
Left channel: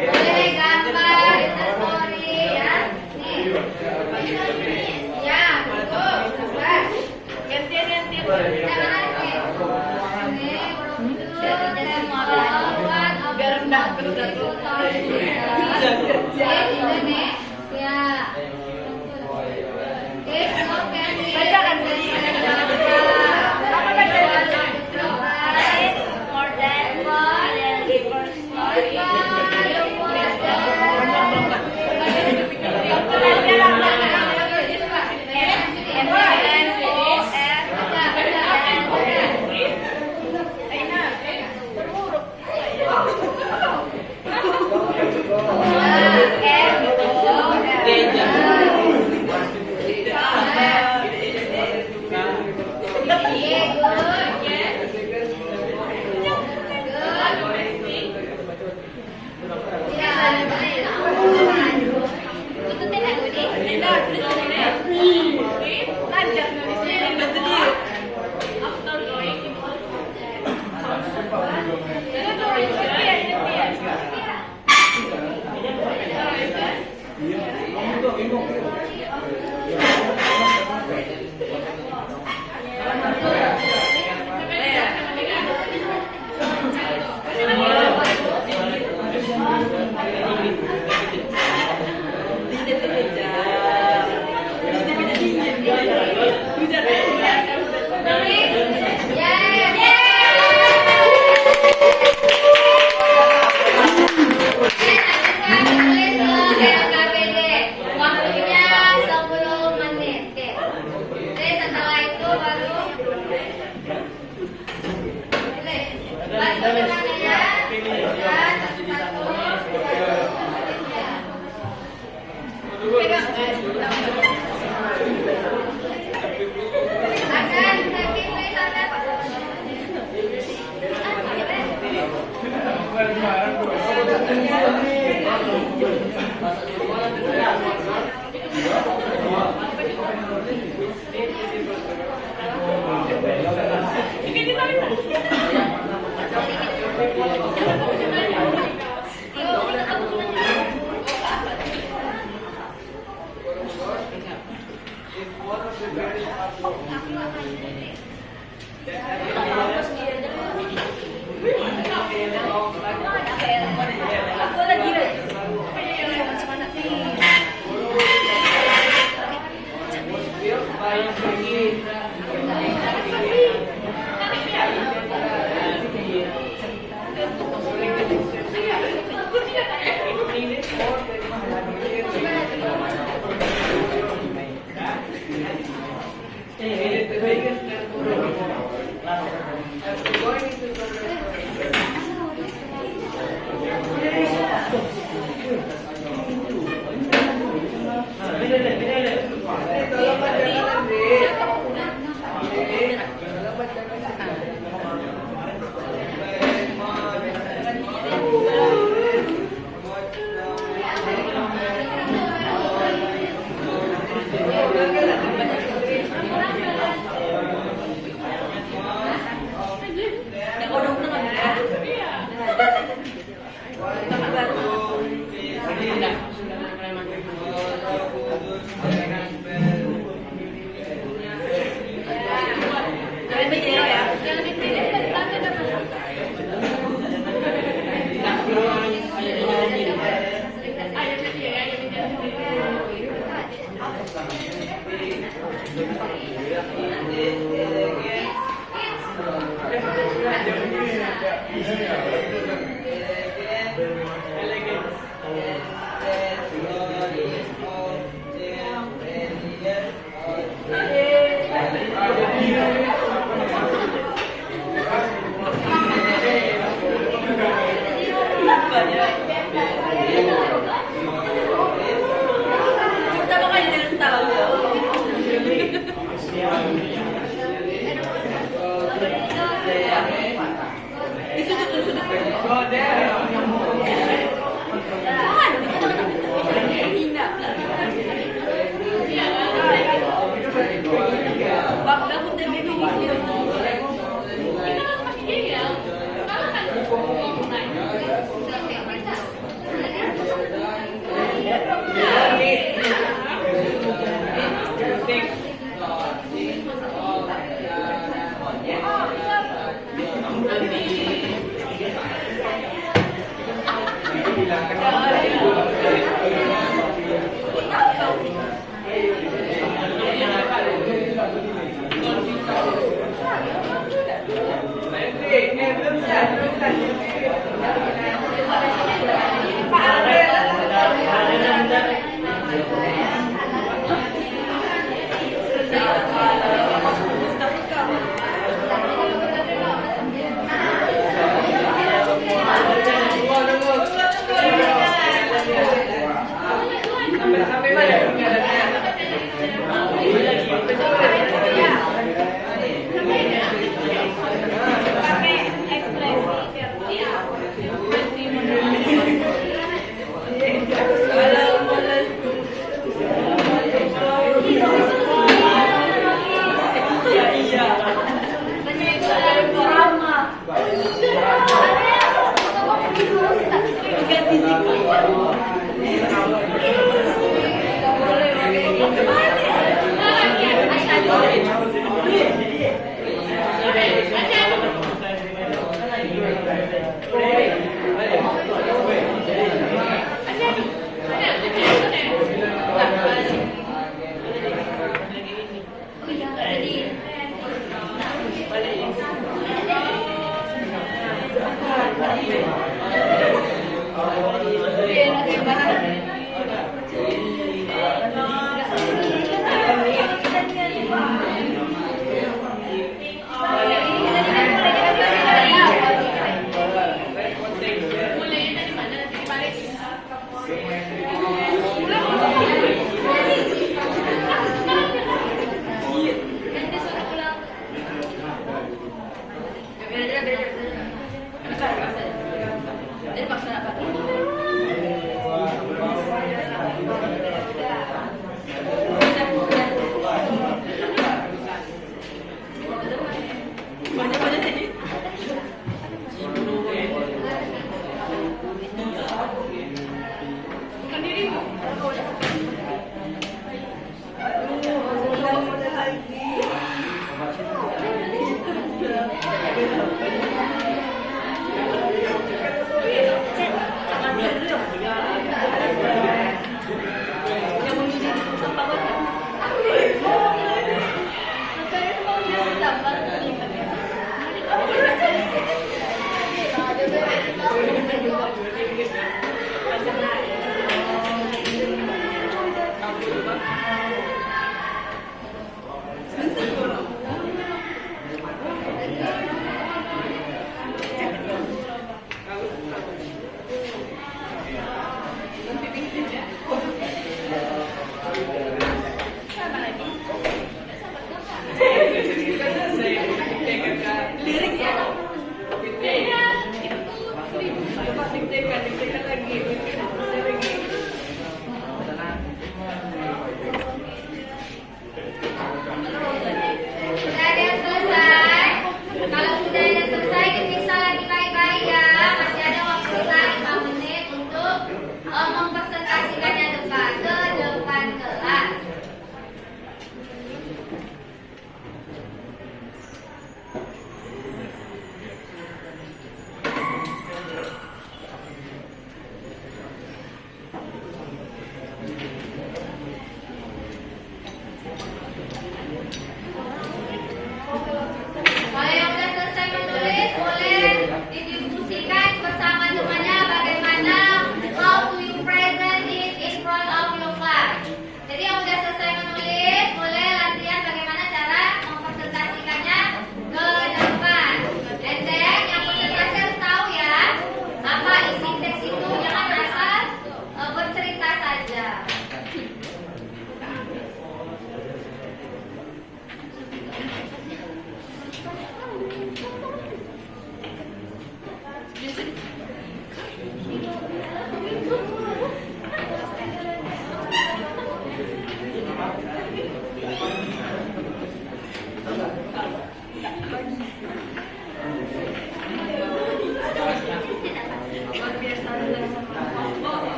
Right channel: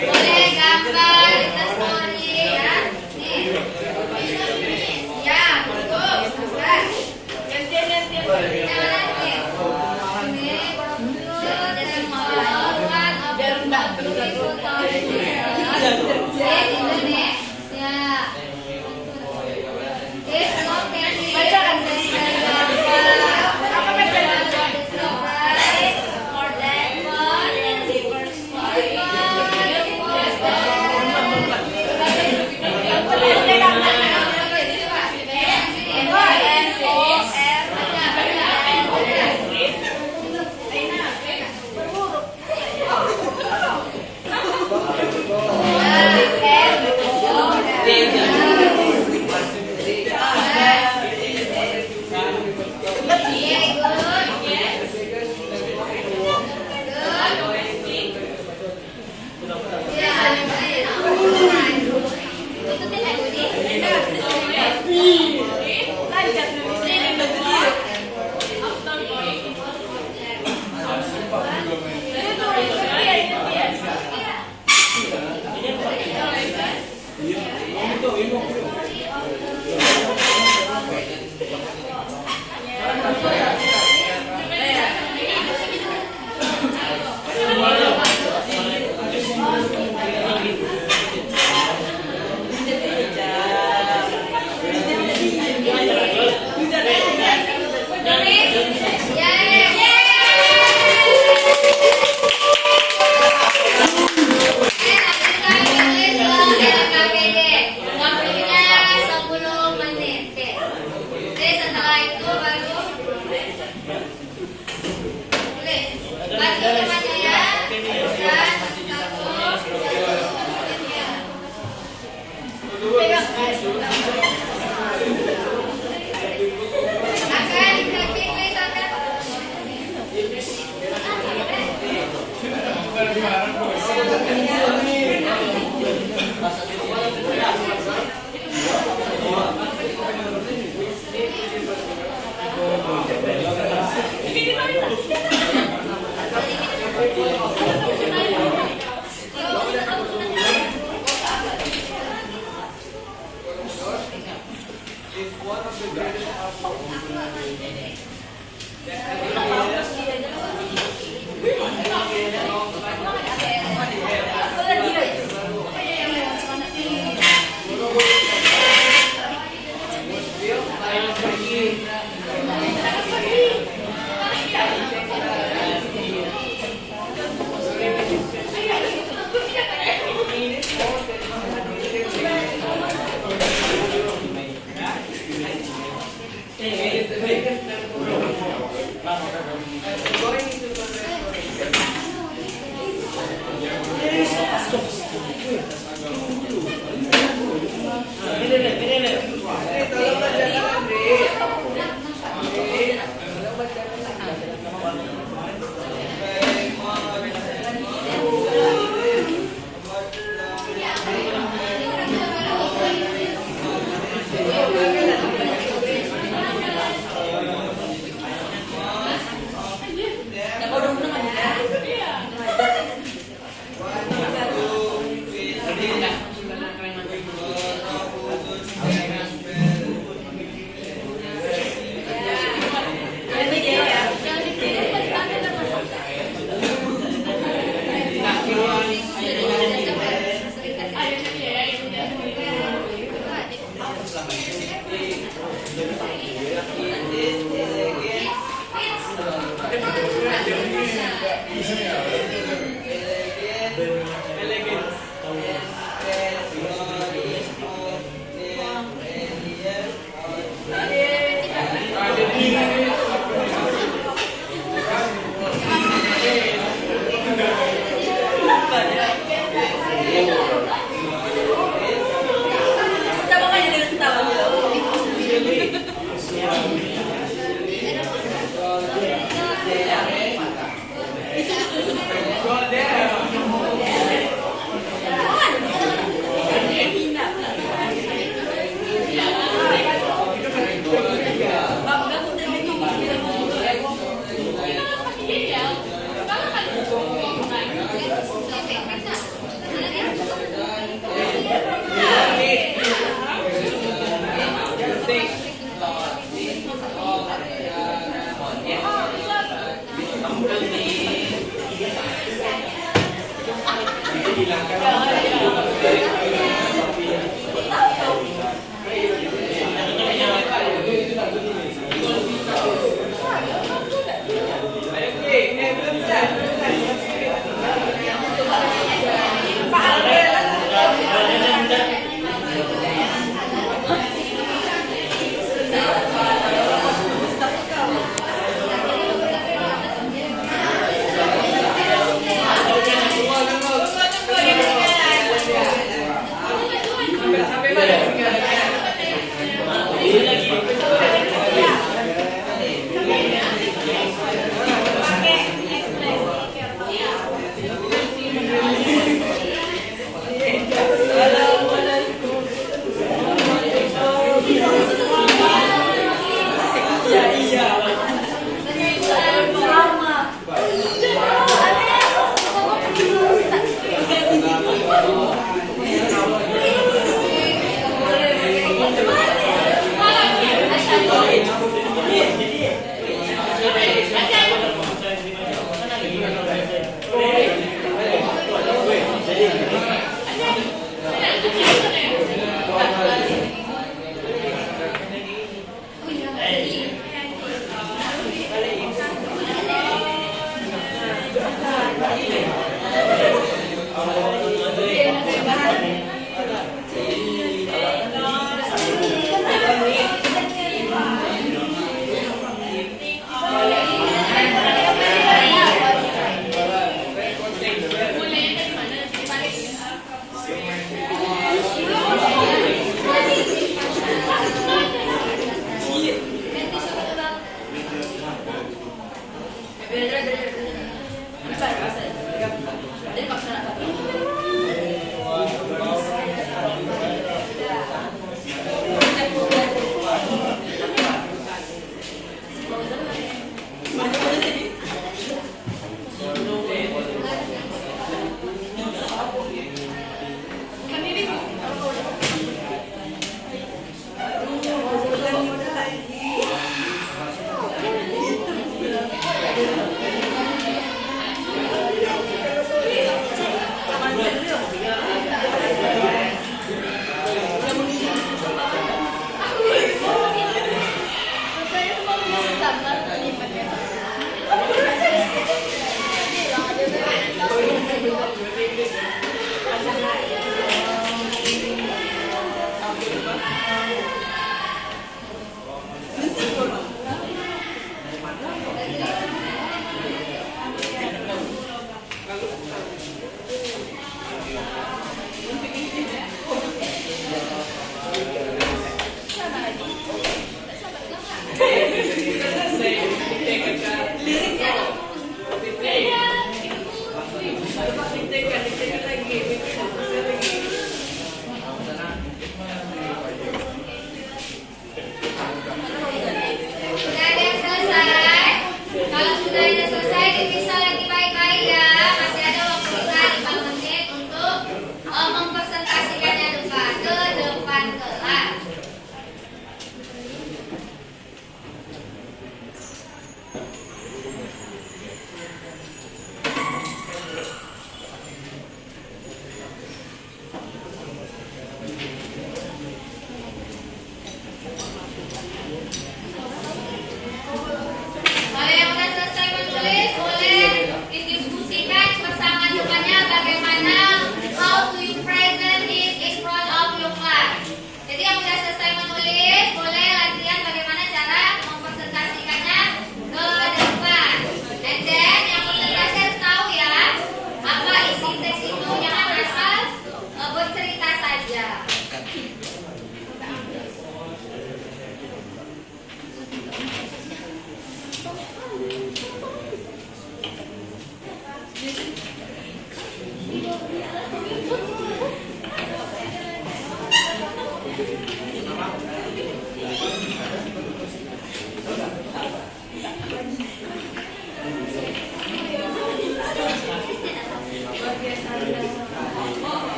Boleh gambar, story ya. Nih. Ya, bagus. Tunggu.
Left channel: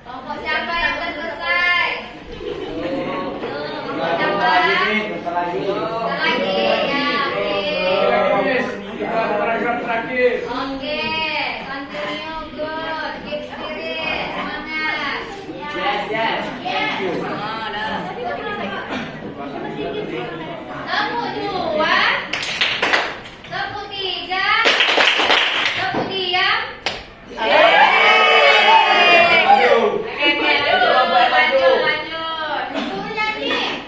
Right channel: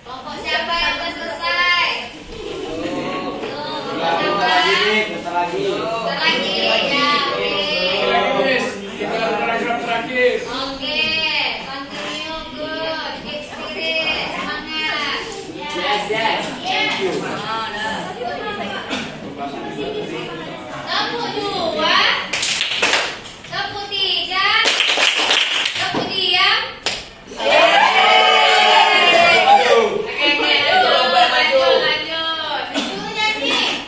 Kelompok siapa yang udah selesai? Bentar lagi. Bentar lagi ya, oke. Paragraf terakhir. Oke, continue good, keep spirit, semangat. Yes, yes. Thank you. Tepuk dua, tepuk tiga, tepuk diam. Lanjut. Dulu nyanyi.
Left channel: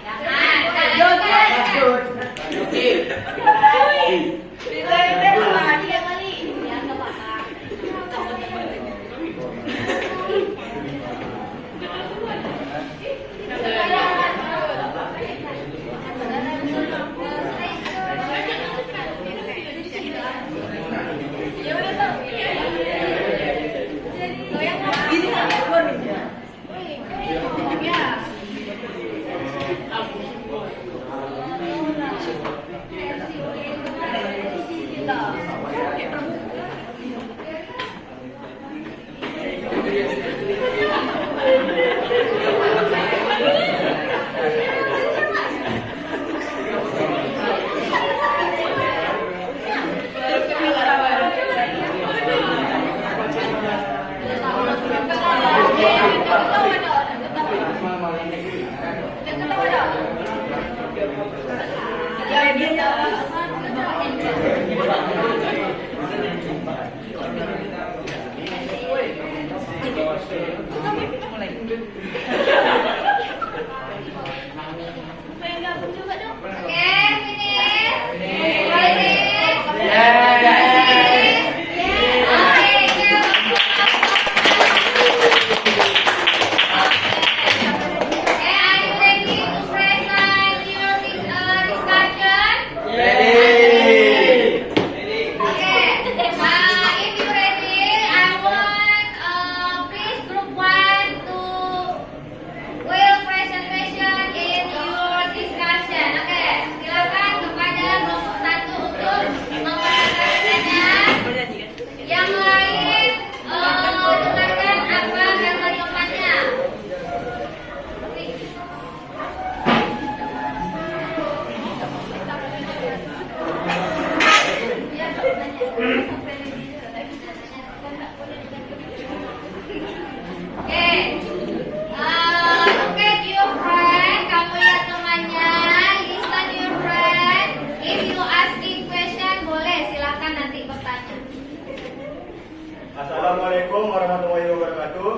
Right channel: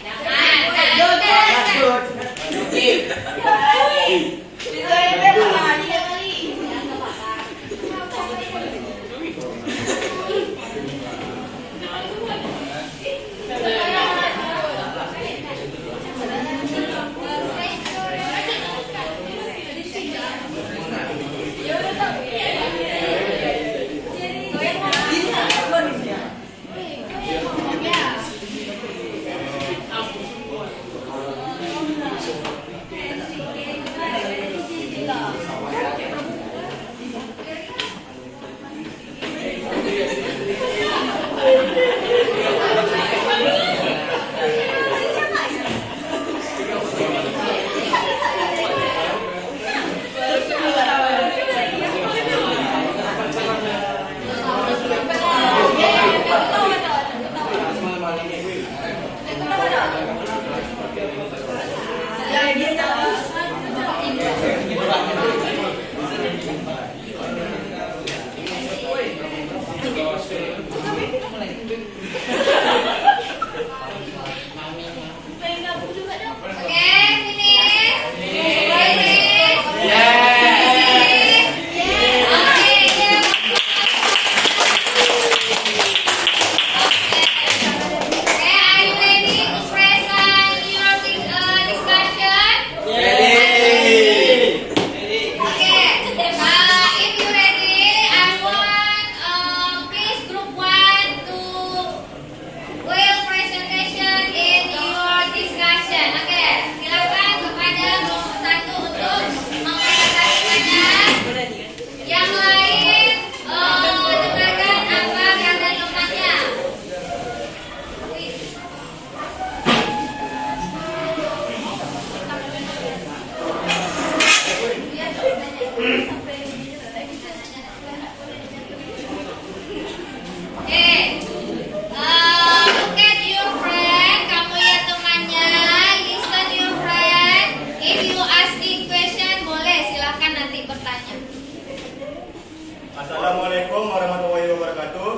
Assalamualaikum warahmatullahi wabarakatuh.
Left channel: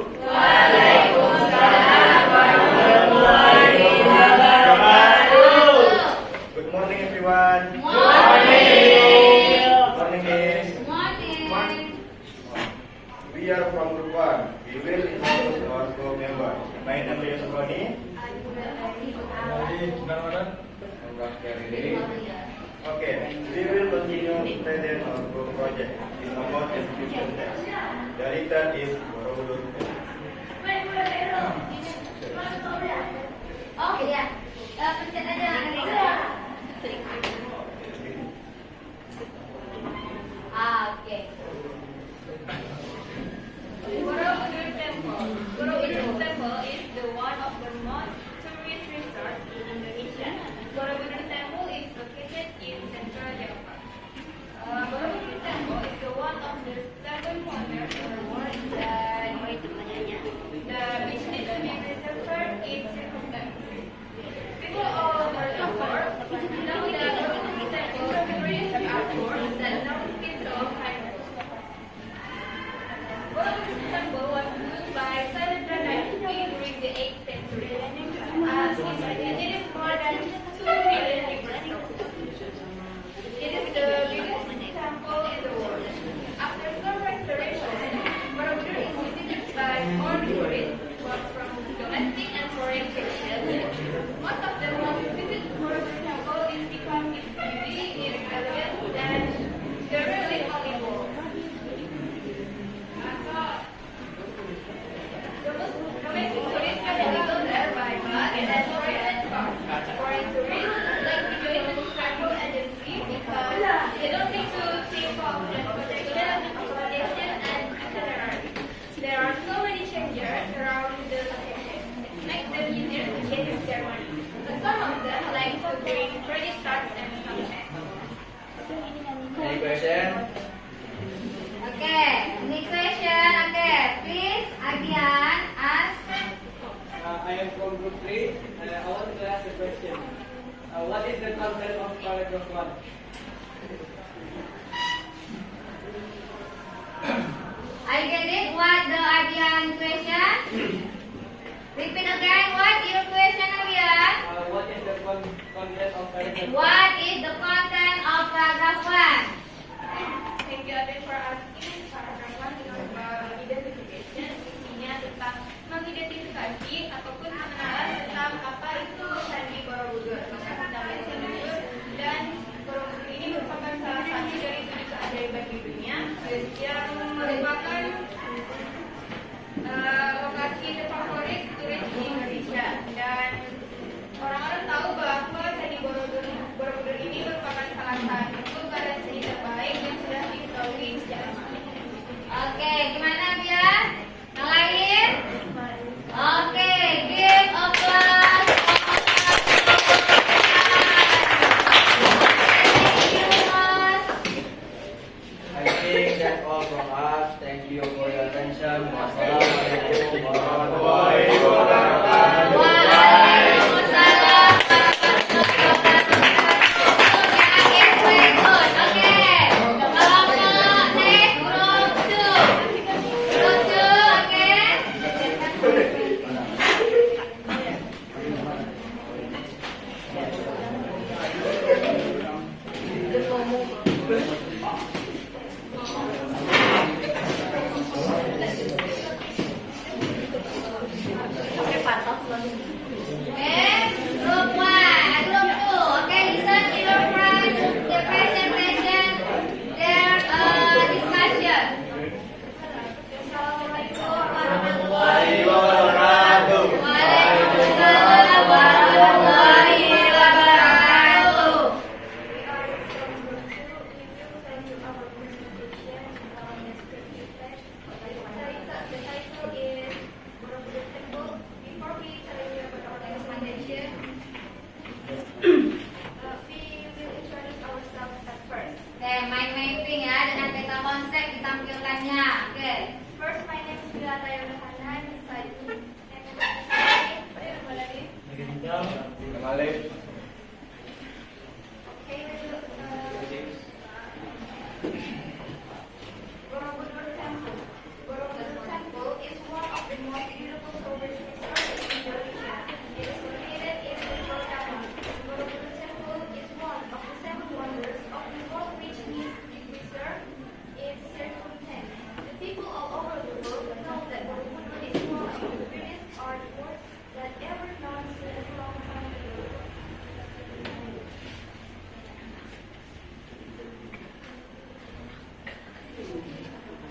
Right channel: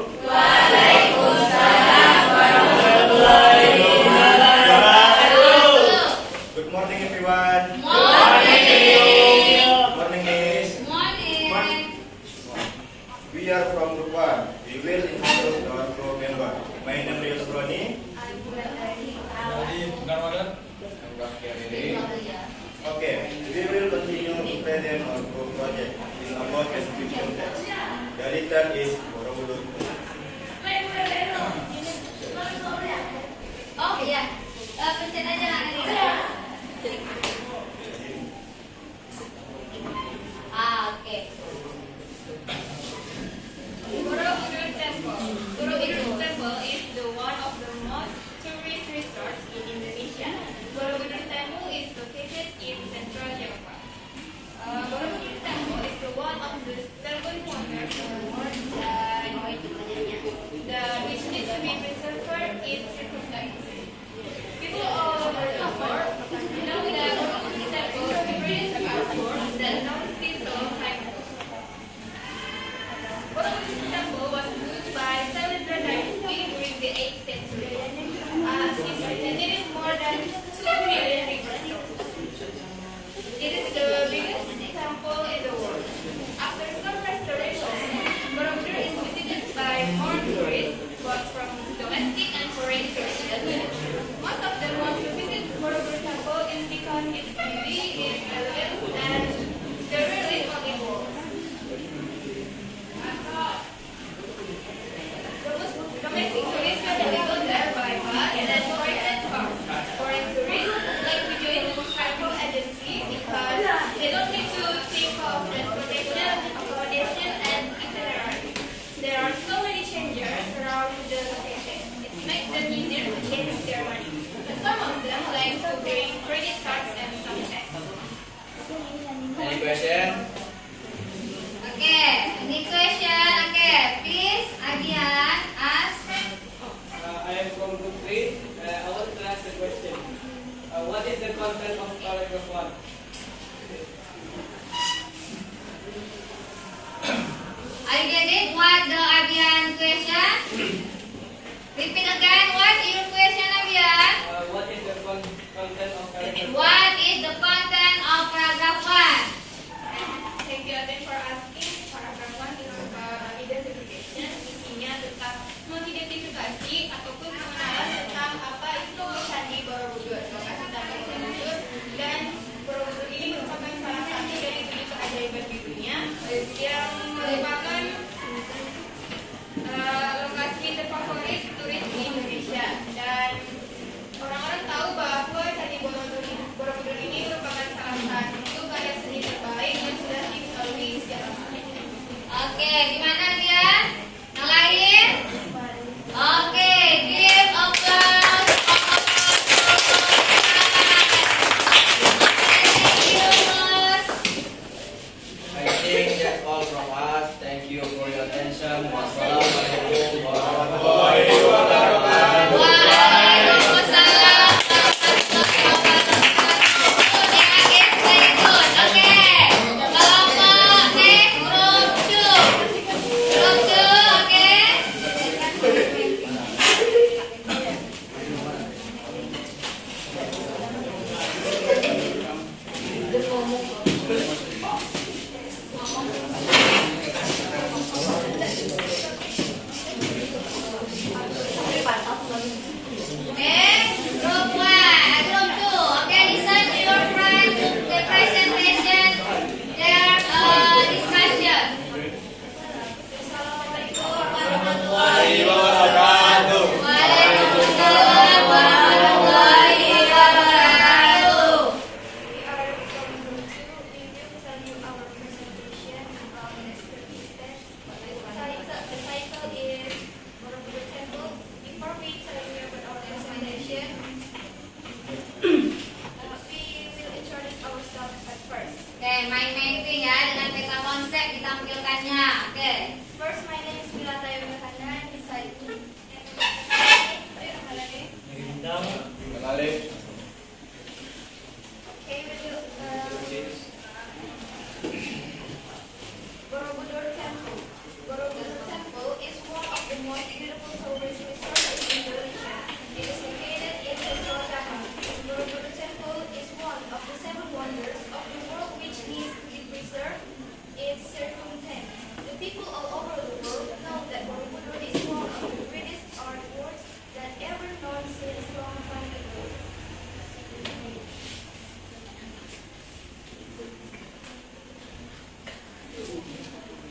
Good morning everyone. Morning Miss. We are from Group 1. We will introduce our group member. My name is Roni. Okay, we will continue to present our group project in about description text. The return is Borobudur. Oh iya, pencet aja.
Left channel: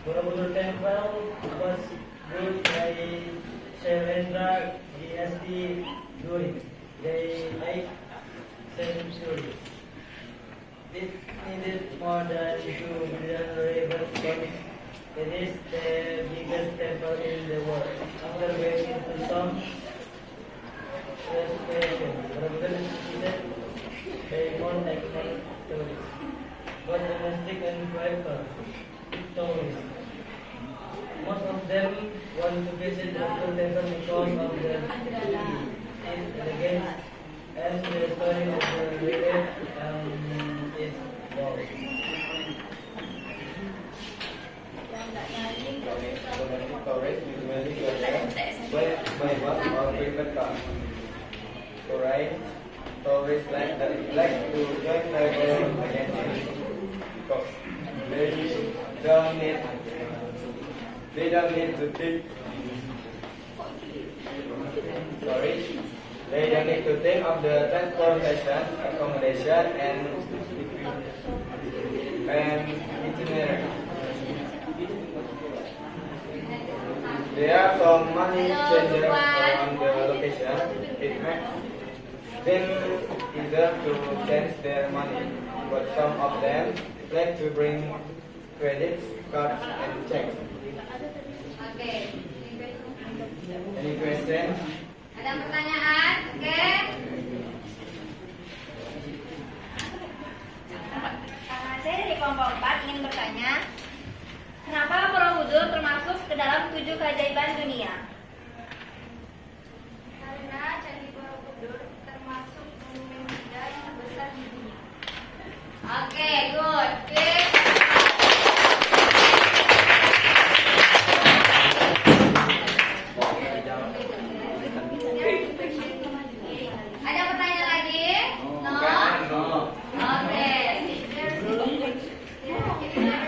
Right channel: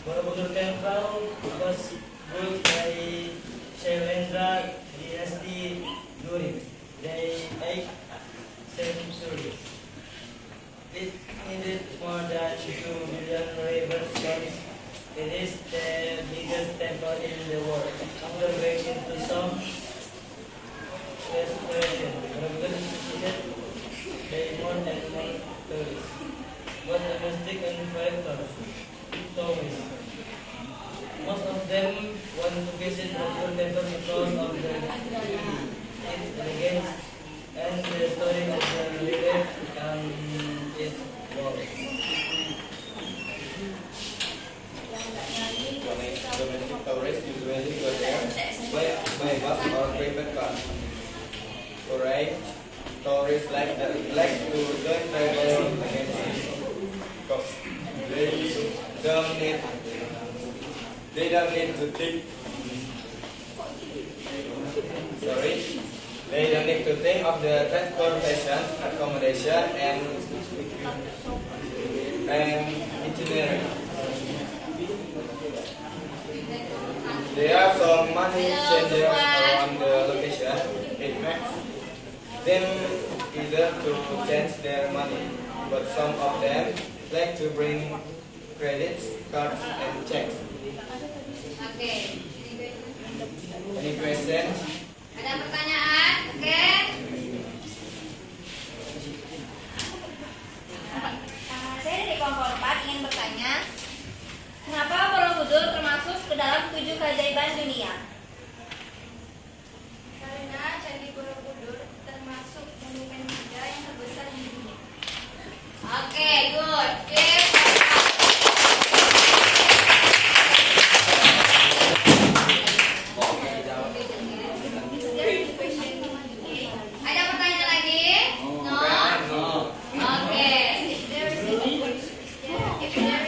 Borobudur Temple was built by Shailendra dynasty during the 8th century. It needed more than 2 million river stones. It is the biggest temple in the world, underway into some restoration. Borobudur is visited by more and more tourists, both domestic and foreign tourists. Most of them want to visit Borobudur Temple because of the beauty, its elegance, and the story of the relief and its walls. Domestic tourists usually go there by bus or private car. Foreign tourists like to join travel agencies because they don't need to think. They don't need to think of the transportation, accommodation, and itinerary. There are some money changers around the location. It makes them easier to change their money, but some of them like to bring credits, cards, and checks. Oke. Any questions? Ada pertanyaan? Oke. Saya dari kelompok 4 ingin bertanya, kenapa Borobudur termasuk ke dalam 7 keajaiban dunia? Karena Candi Borobudur termasuk monumen Buddha yang terbesar di dunia. Oke, good. Ada pertanyaan lagi? No? Oke. Kelompok 3. Oke, boleh.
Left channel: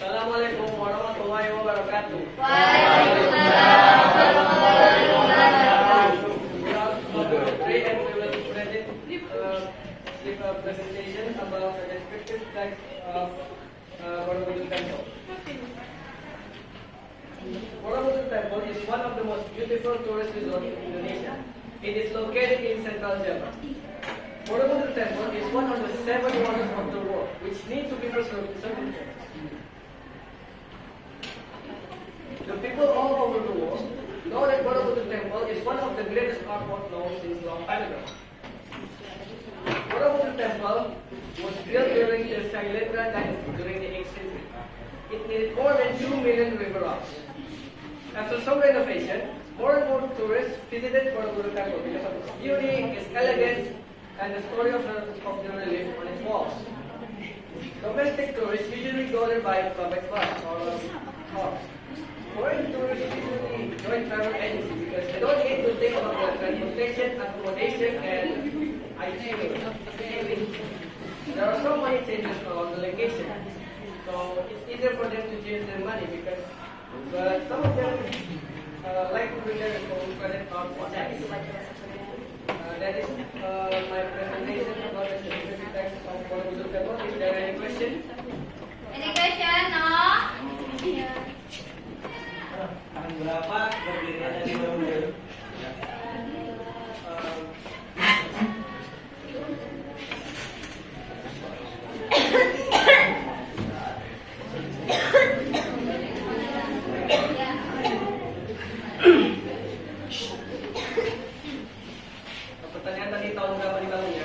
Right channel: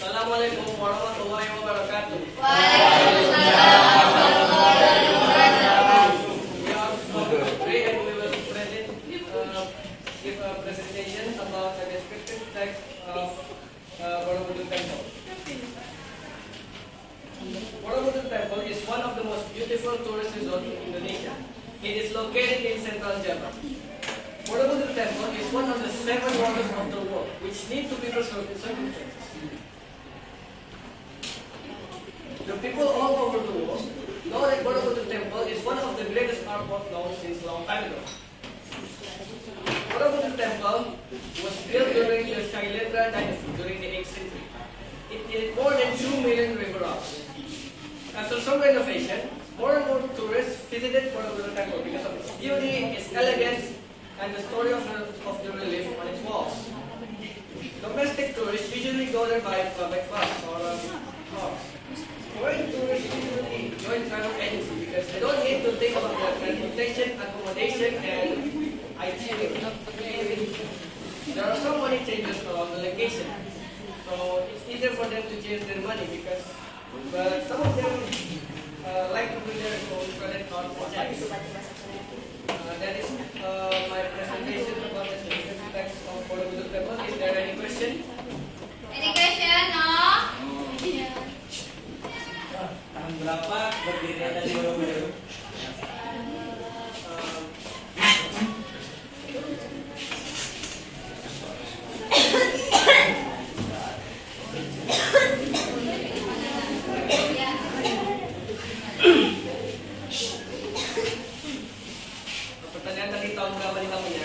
Assalamualaikum warahmatullahi wabarakatuh. Waalaikumsalam warahmatullahi wabarakatuh. We are from Putri and we will give a presentation about the descriptive text of Borobudur Temple. Borobudur Temple is one of the most beautiful tourist resorts in Indonesia. It is located in central Java. Borobudur Temple is one of the 7 wonders of the world, which need to be preserved in circumstances. The people all over the world know that Borobudur Temple is one of the greatest artwork known since long time ago. Borobudur Temple was built during the Shailendra dynasty during the 8th century. It needed more than 2 million river rafts. After some renovation, more and more tourists visited Borobudur Temple because of its beauty, its elegance, and the story of the relief on its walls. Domestic tourists usually go there by private bus or cars. Foreign tourists usually join travel agency because they don't need to think about their transportation, accommodation, and itinerary. There are so many changes around the location, so it's easier for them to change their money because some of them like to bring their own credit card or checks. That is my presentation about the specific text of Borobudur Temple. Is there any question? Any question? No? Tahun berapa berdirinya dari Borobudur? Pertanyaan tadi tahun berapa dibangunnya?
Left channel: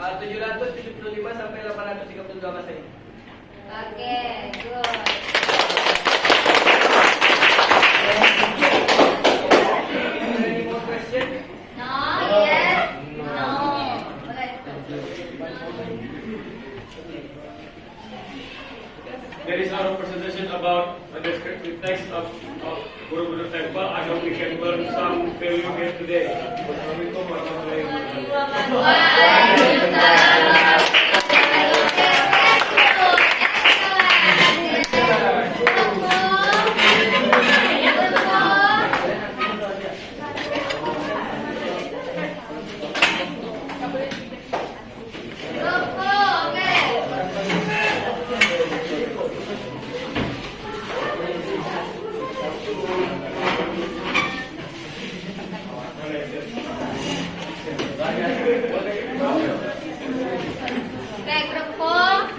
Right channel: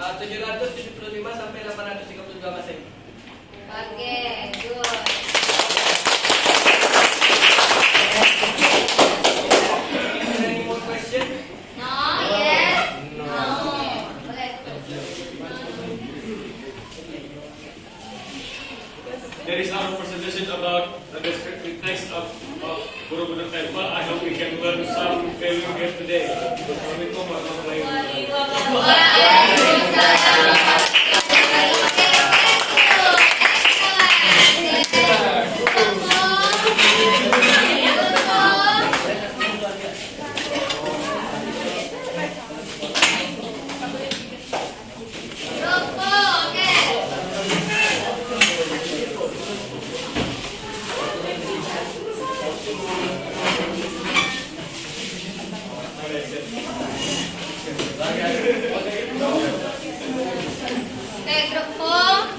775 sampai 832 Masehi. Oke, good. Any more question? No, yes. No. Boleh. There is our presentation about the descriptive text of Borobudur Temple. I hope we can learn some value here today. Wassalamualaikum warahmatullahi Oke, grup 4.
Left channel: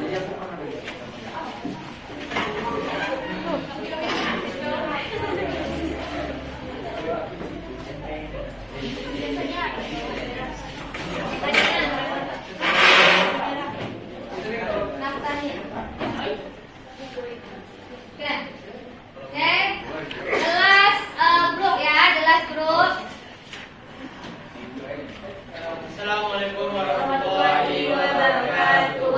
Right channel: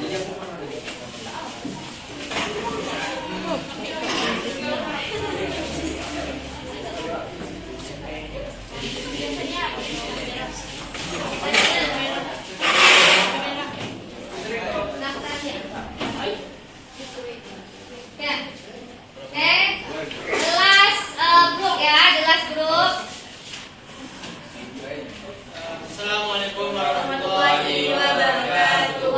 Assalamualaikum warahmatullahi wabarakatuh.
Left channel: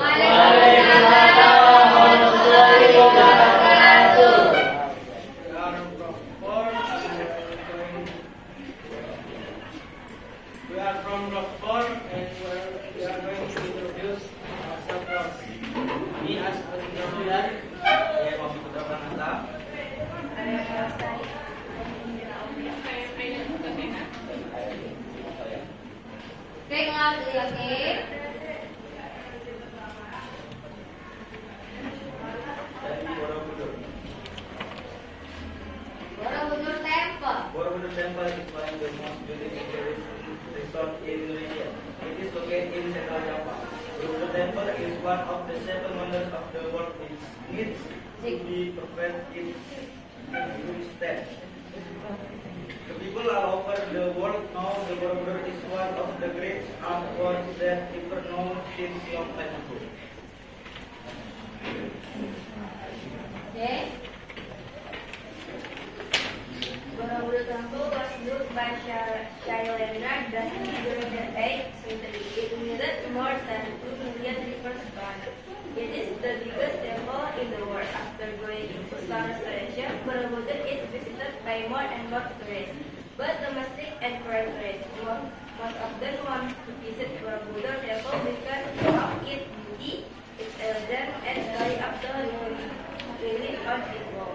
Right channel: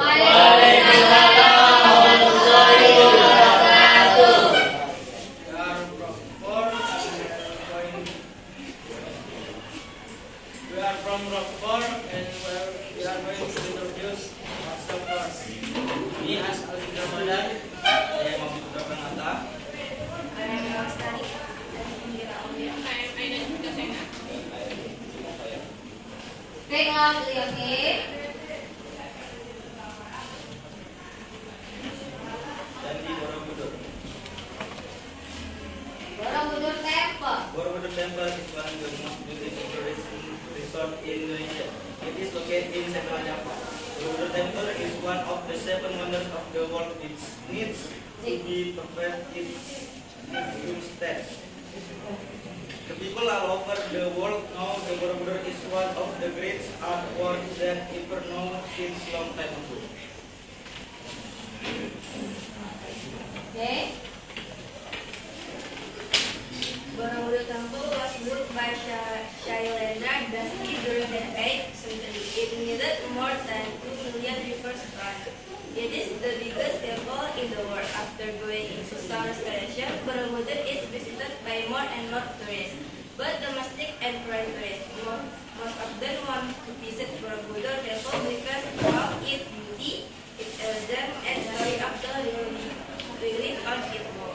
We are from Rockford and we are going to introduce ourselves first. Me as Ali Ramadan, saya Muhammad Pranata. Oke, kalau oke. Jadi Borobudur. Borobudur Temple. Borobudur Temple is one of the most beautiful tourist resort in Indonesia. It is located in Central Java. Borobudur Temple is one of the 7 wonders of the world which needs to be perfect in few steps. The people all over the world know the Borobudur is one of the great artworks that ever known since long time ago. Oke. Borobudur Temple was built by Shailendra Dynasty during the 8th century. It needed more than 2 million rivers per annum. It is the biggest temple in the world. After going into some restoration, Borobudur is visited by more and more tourists, both domestic and foreign tourists. Most of them want to visit Borobudur Temple because of its beauty, its elegance, and story of the relief on its wall.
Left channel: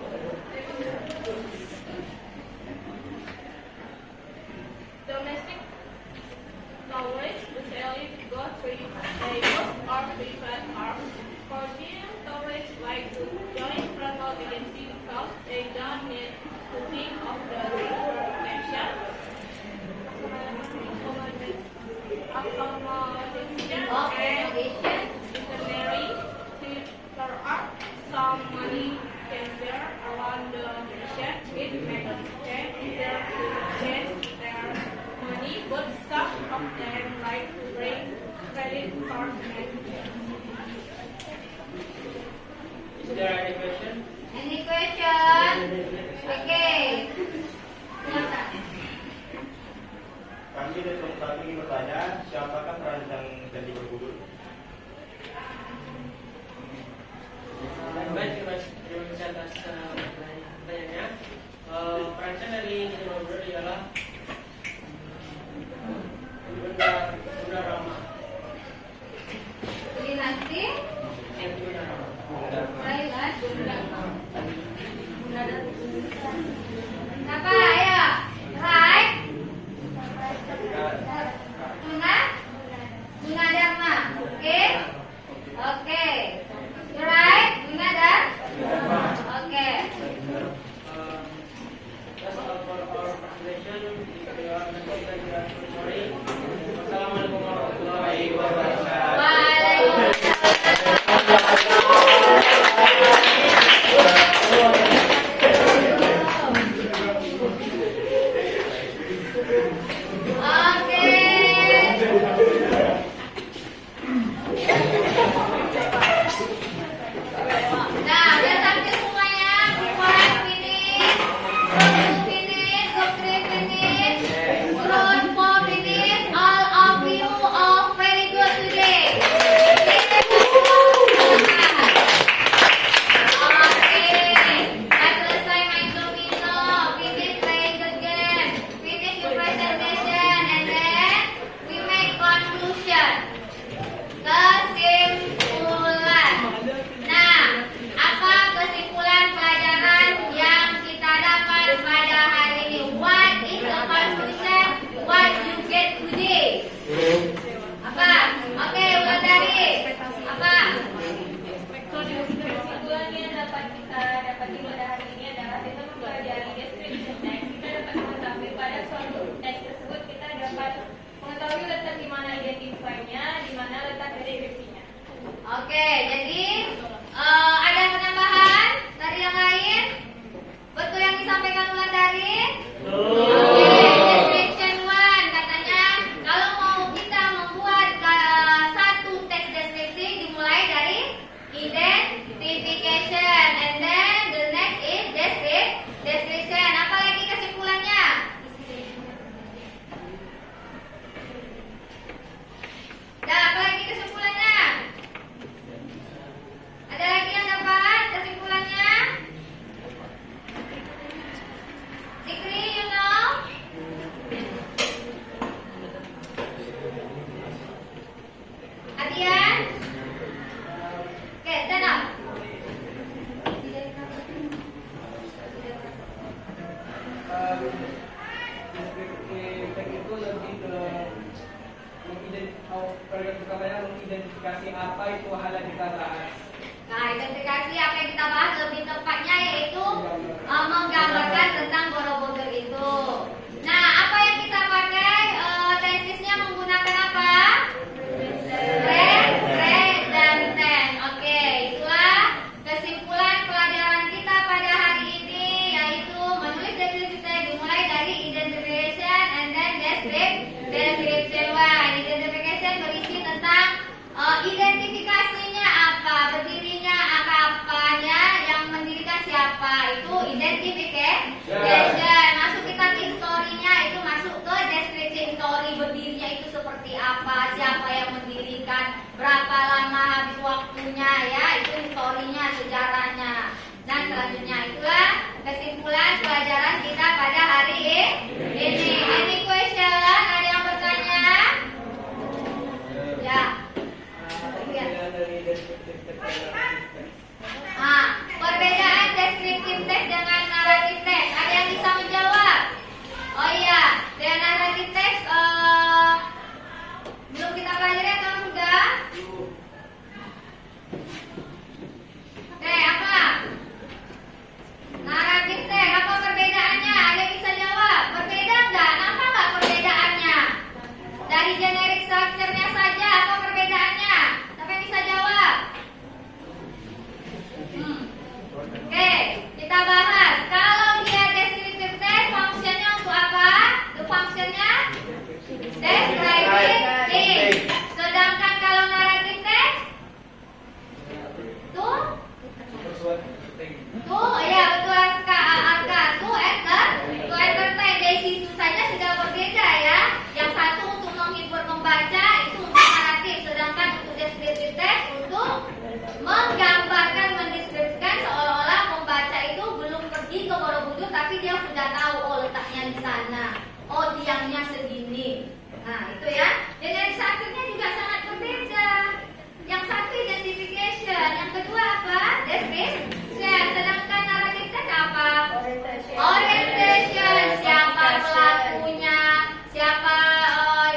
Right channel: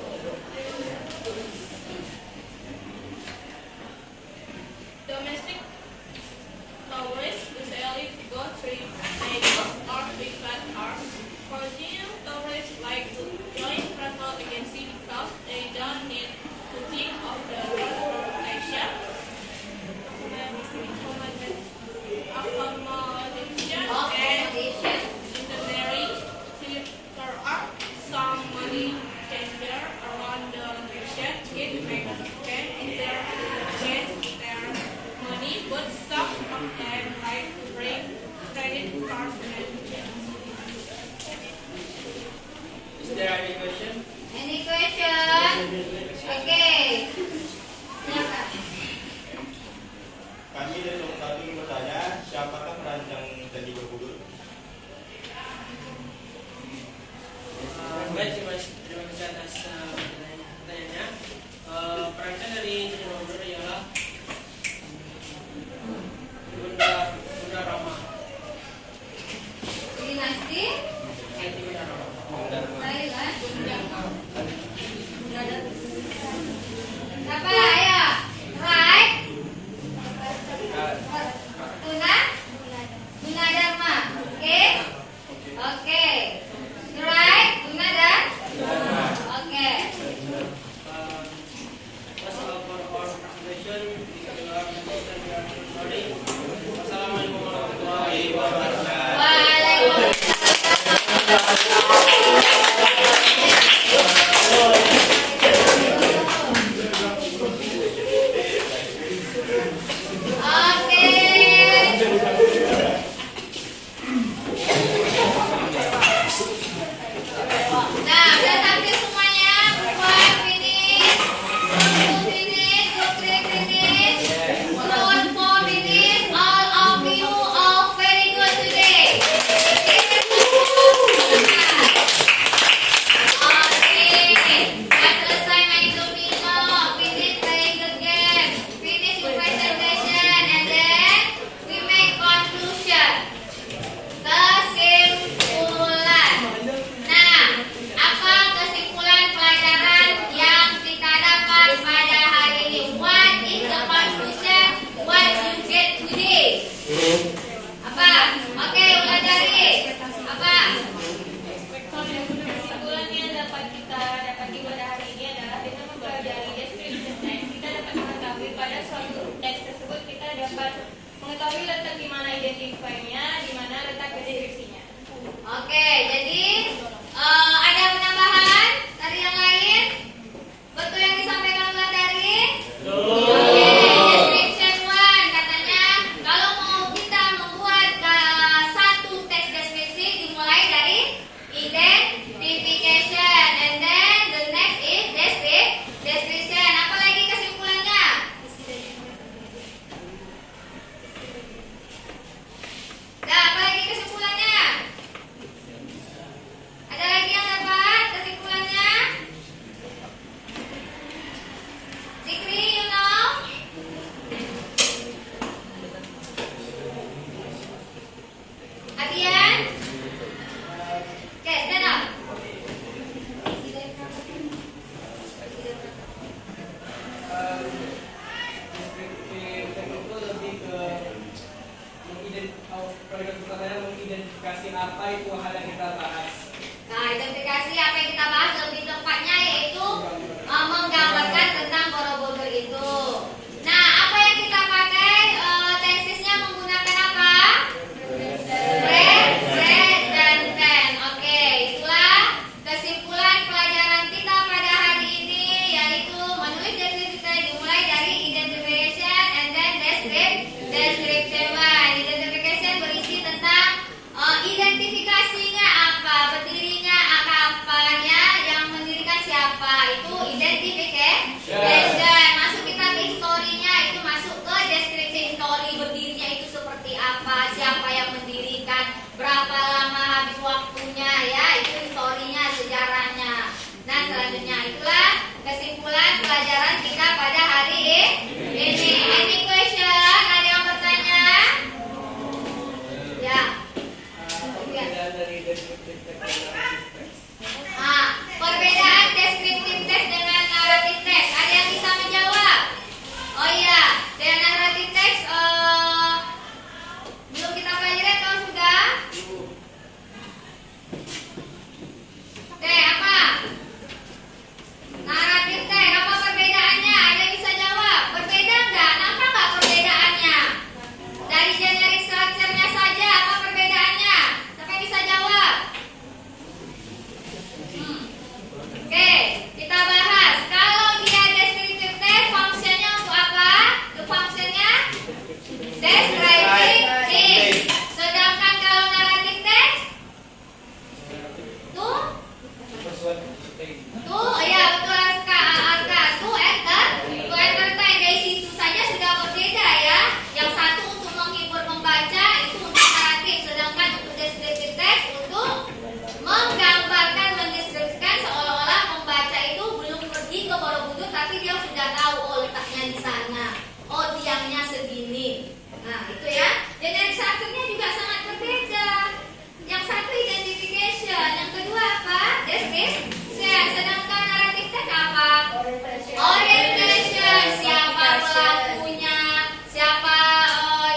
Domestic tourists usually go 3 days or 3 hours. Foreign tourists like to join travel agency because they don't need to think of the transportation, accommodation, and itinerary. There are some money changer around the nation. It makes it easier to change their money, but some of them like to bring credit cards and checks. Is there any question? Any question? Oke. Silakan. Kami dari nomor 1 ingin bertanya, siapakah perancang Candi Borobudur? Baik, terima kasih atas pertanyaannya. Perancang dari Candi Borobudur ialah Bunda Rama. pertanyaan mengidentifikasi apa itu hal yang kita bahas. Nah, identifikasi apa yang kita bahas lebih tepatnya yaitu menggambarkan tentang Borobudur itu. Nah, apa yang kita pakai tensesnya menggunakan apa? Present dan ten. Oke, itulah kesimpulan pelajaran kita pada hari ini, yaitu menulis deskripsi dimulai dari identification and then description one. Identification berisi tentang identifikasinya apa, berdirinya apanya, yang mendirikan siapa, itu identification. Masuk kita ke historinya, itu masuk ke description story, berdirinya itu seperti apa, siapa yang mendirikan, berapa lama habis waktunya, ya itu historinya, sejarahnya. Nah, selanjutnya itulah kesimpulan pelajaran kita pada hari ini. Any question? Ada yang bertanya? Ya. Perbedaan dari deskriptif teks dan naratif teks. Perbedaan deskriptif teks dengan naratif teks. Ada yang bisa menjawab? Oh iya, dengan naratif teks belum kita pelajari atau sudah? Oke, apa? Naratif teks, apa perbedaannya? Ada yang bisa jawab? Berbeda enggak? Nampak enggak perbedaannya? Dari generic structure-nya saja, apa perbedaannya? Siapa yang bisa jawab? Oke, kita bahas. Kalau dia descriptive text, fungsinya untuk apa? Itu fungsinya describing things. Sedangkan kalau narrative text, tuh, ya betul Arka, tuh entertain. Dari situ saja sudah berbeda ya. Yang satu untuk menghibur pembaca, itu untuk naratif. Sedangkan untuk descriptive text untuk menggambarkan, mendeskripsikan seolah-olah pembaca itu belum pergi ke Borobudur, tapi dia sudah tahu oh letaknya di sana, oh tiangnya segini. Nah itu ya. Dan yang satunya juga sangat berbeda. Yang satu identification, yang kedua apa? Description. Sedangkan naratif text apa? Orientation. Siapa pelakunya? Siapa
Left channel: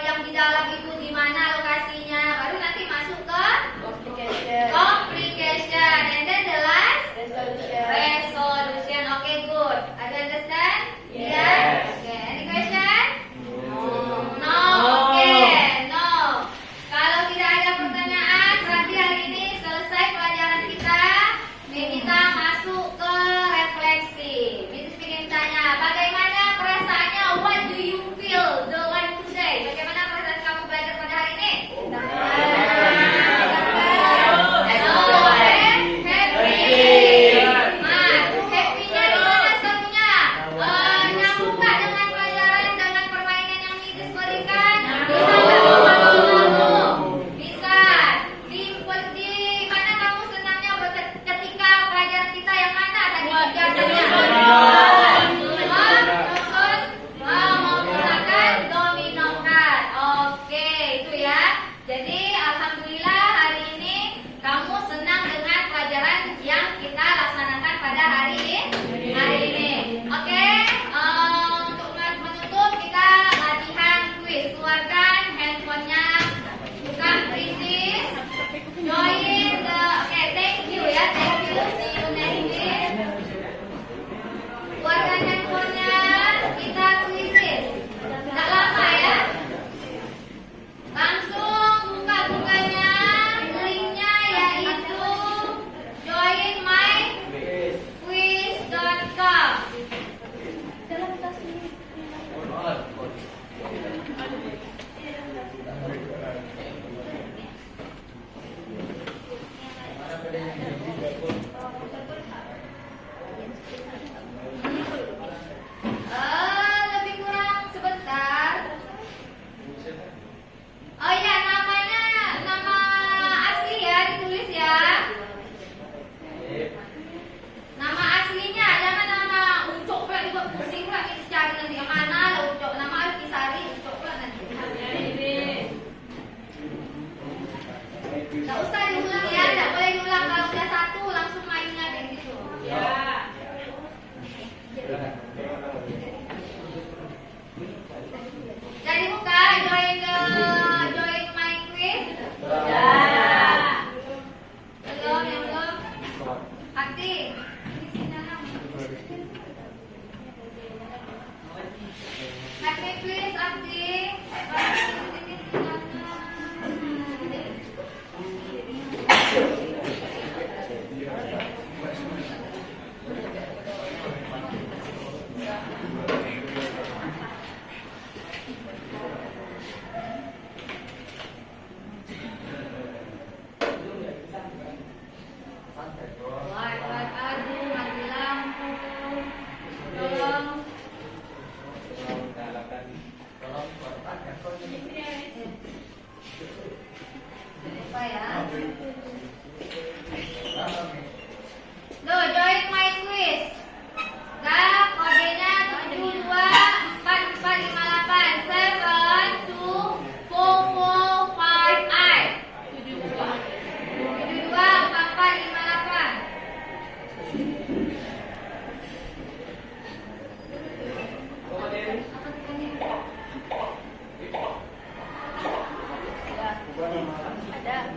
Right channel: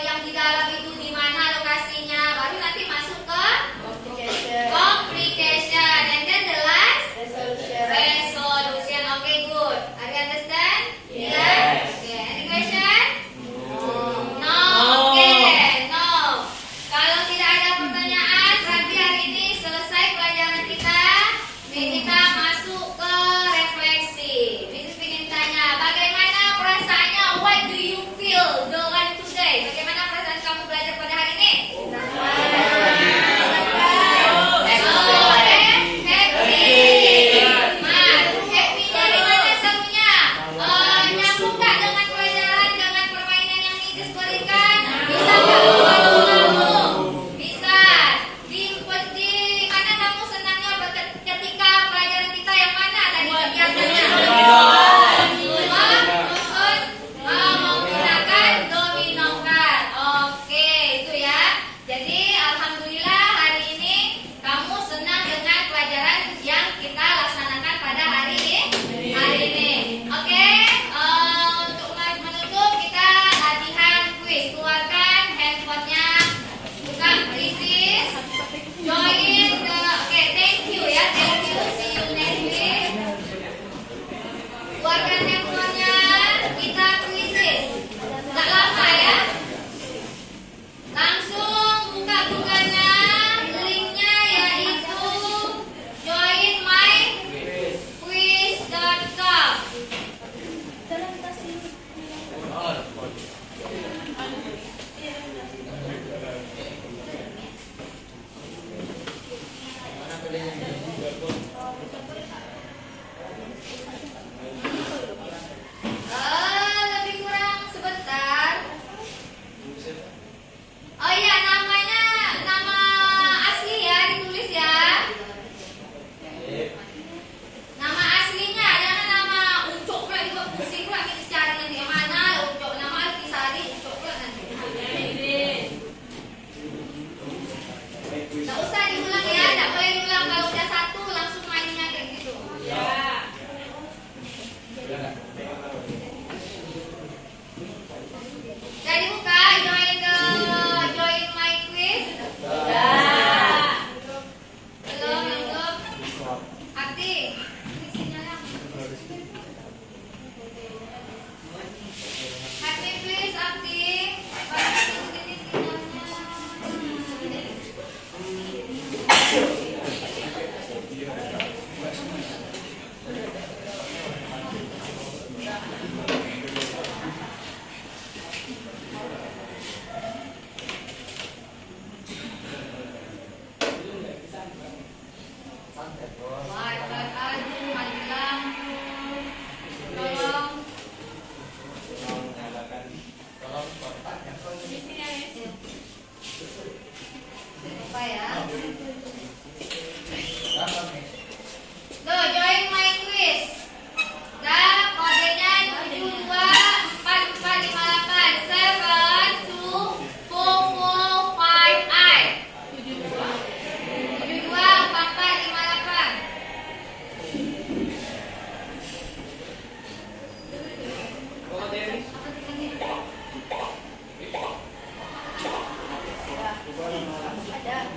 yang di dalam itu, di mana lokasinya? Baru nanti masuk ke complication, and then the last resolution. Okay, good. Are you understand? Yes. Okay. Any question? No. Okay. apa ya? Loh, join my quiz. Gak, kodenya 724458 72445. 724458. Bapak Dewi. Ada.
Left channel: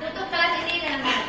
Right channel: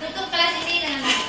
Tutup kelas ini dengan baik.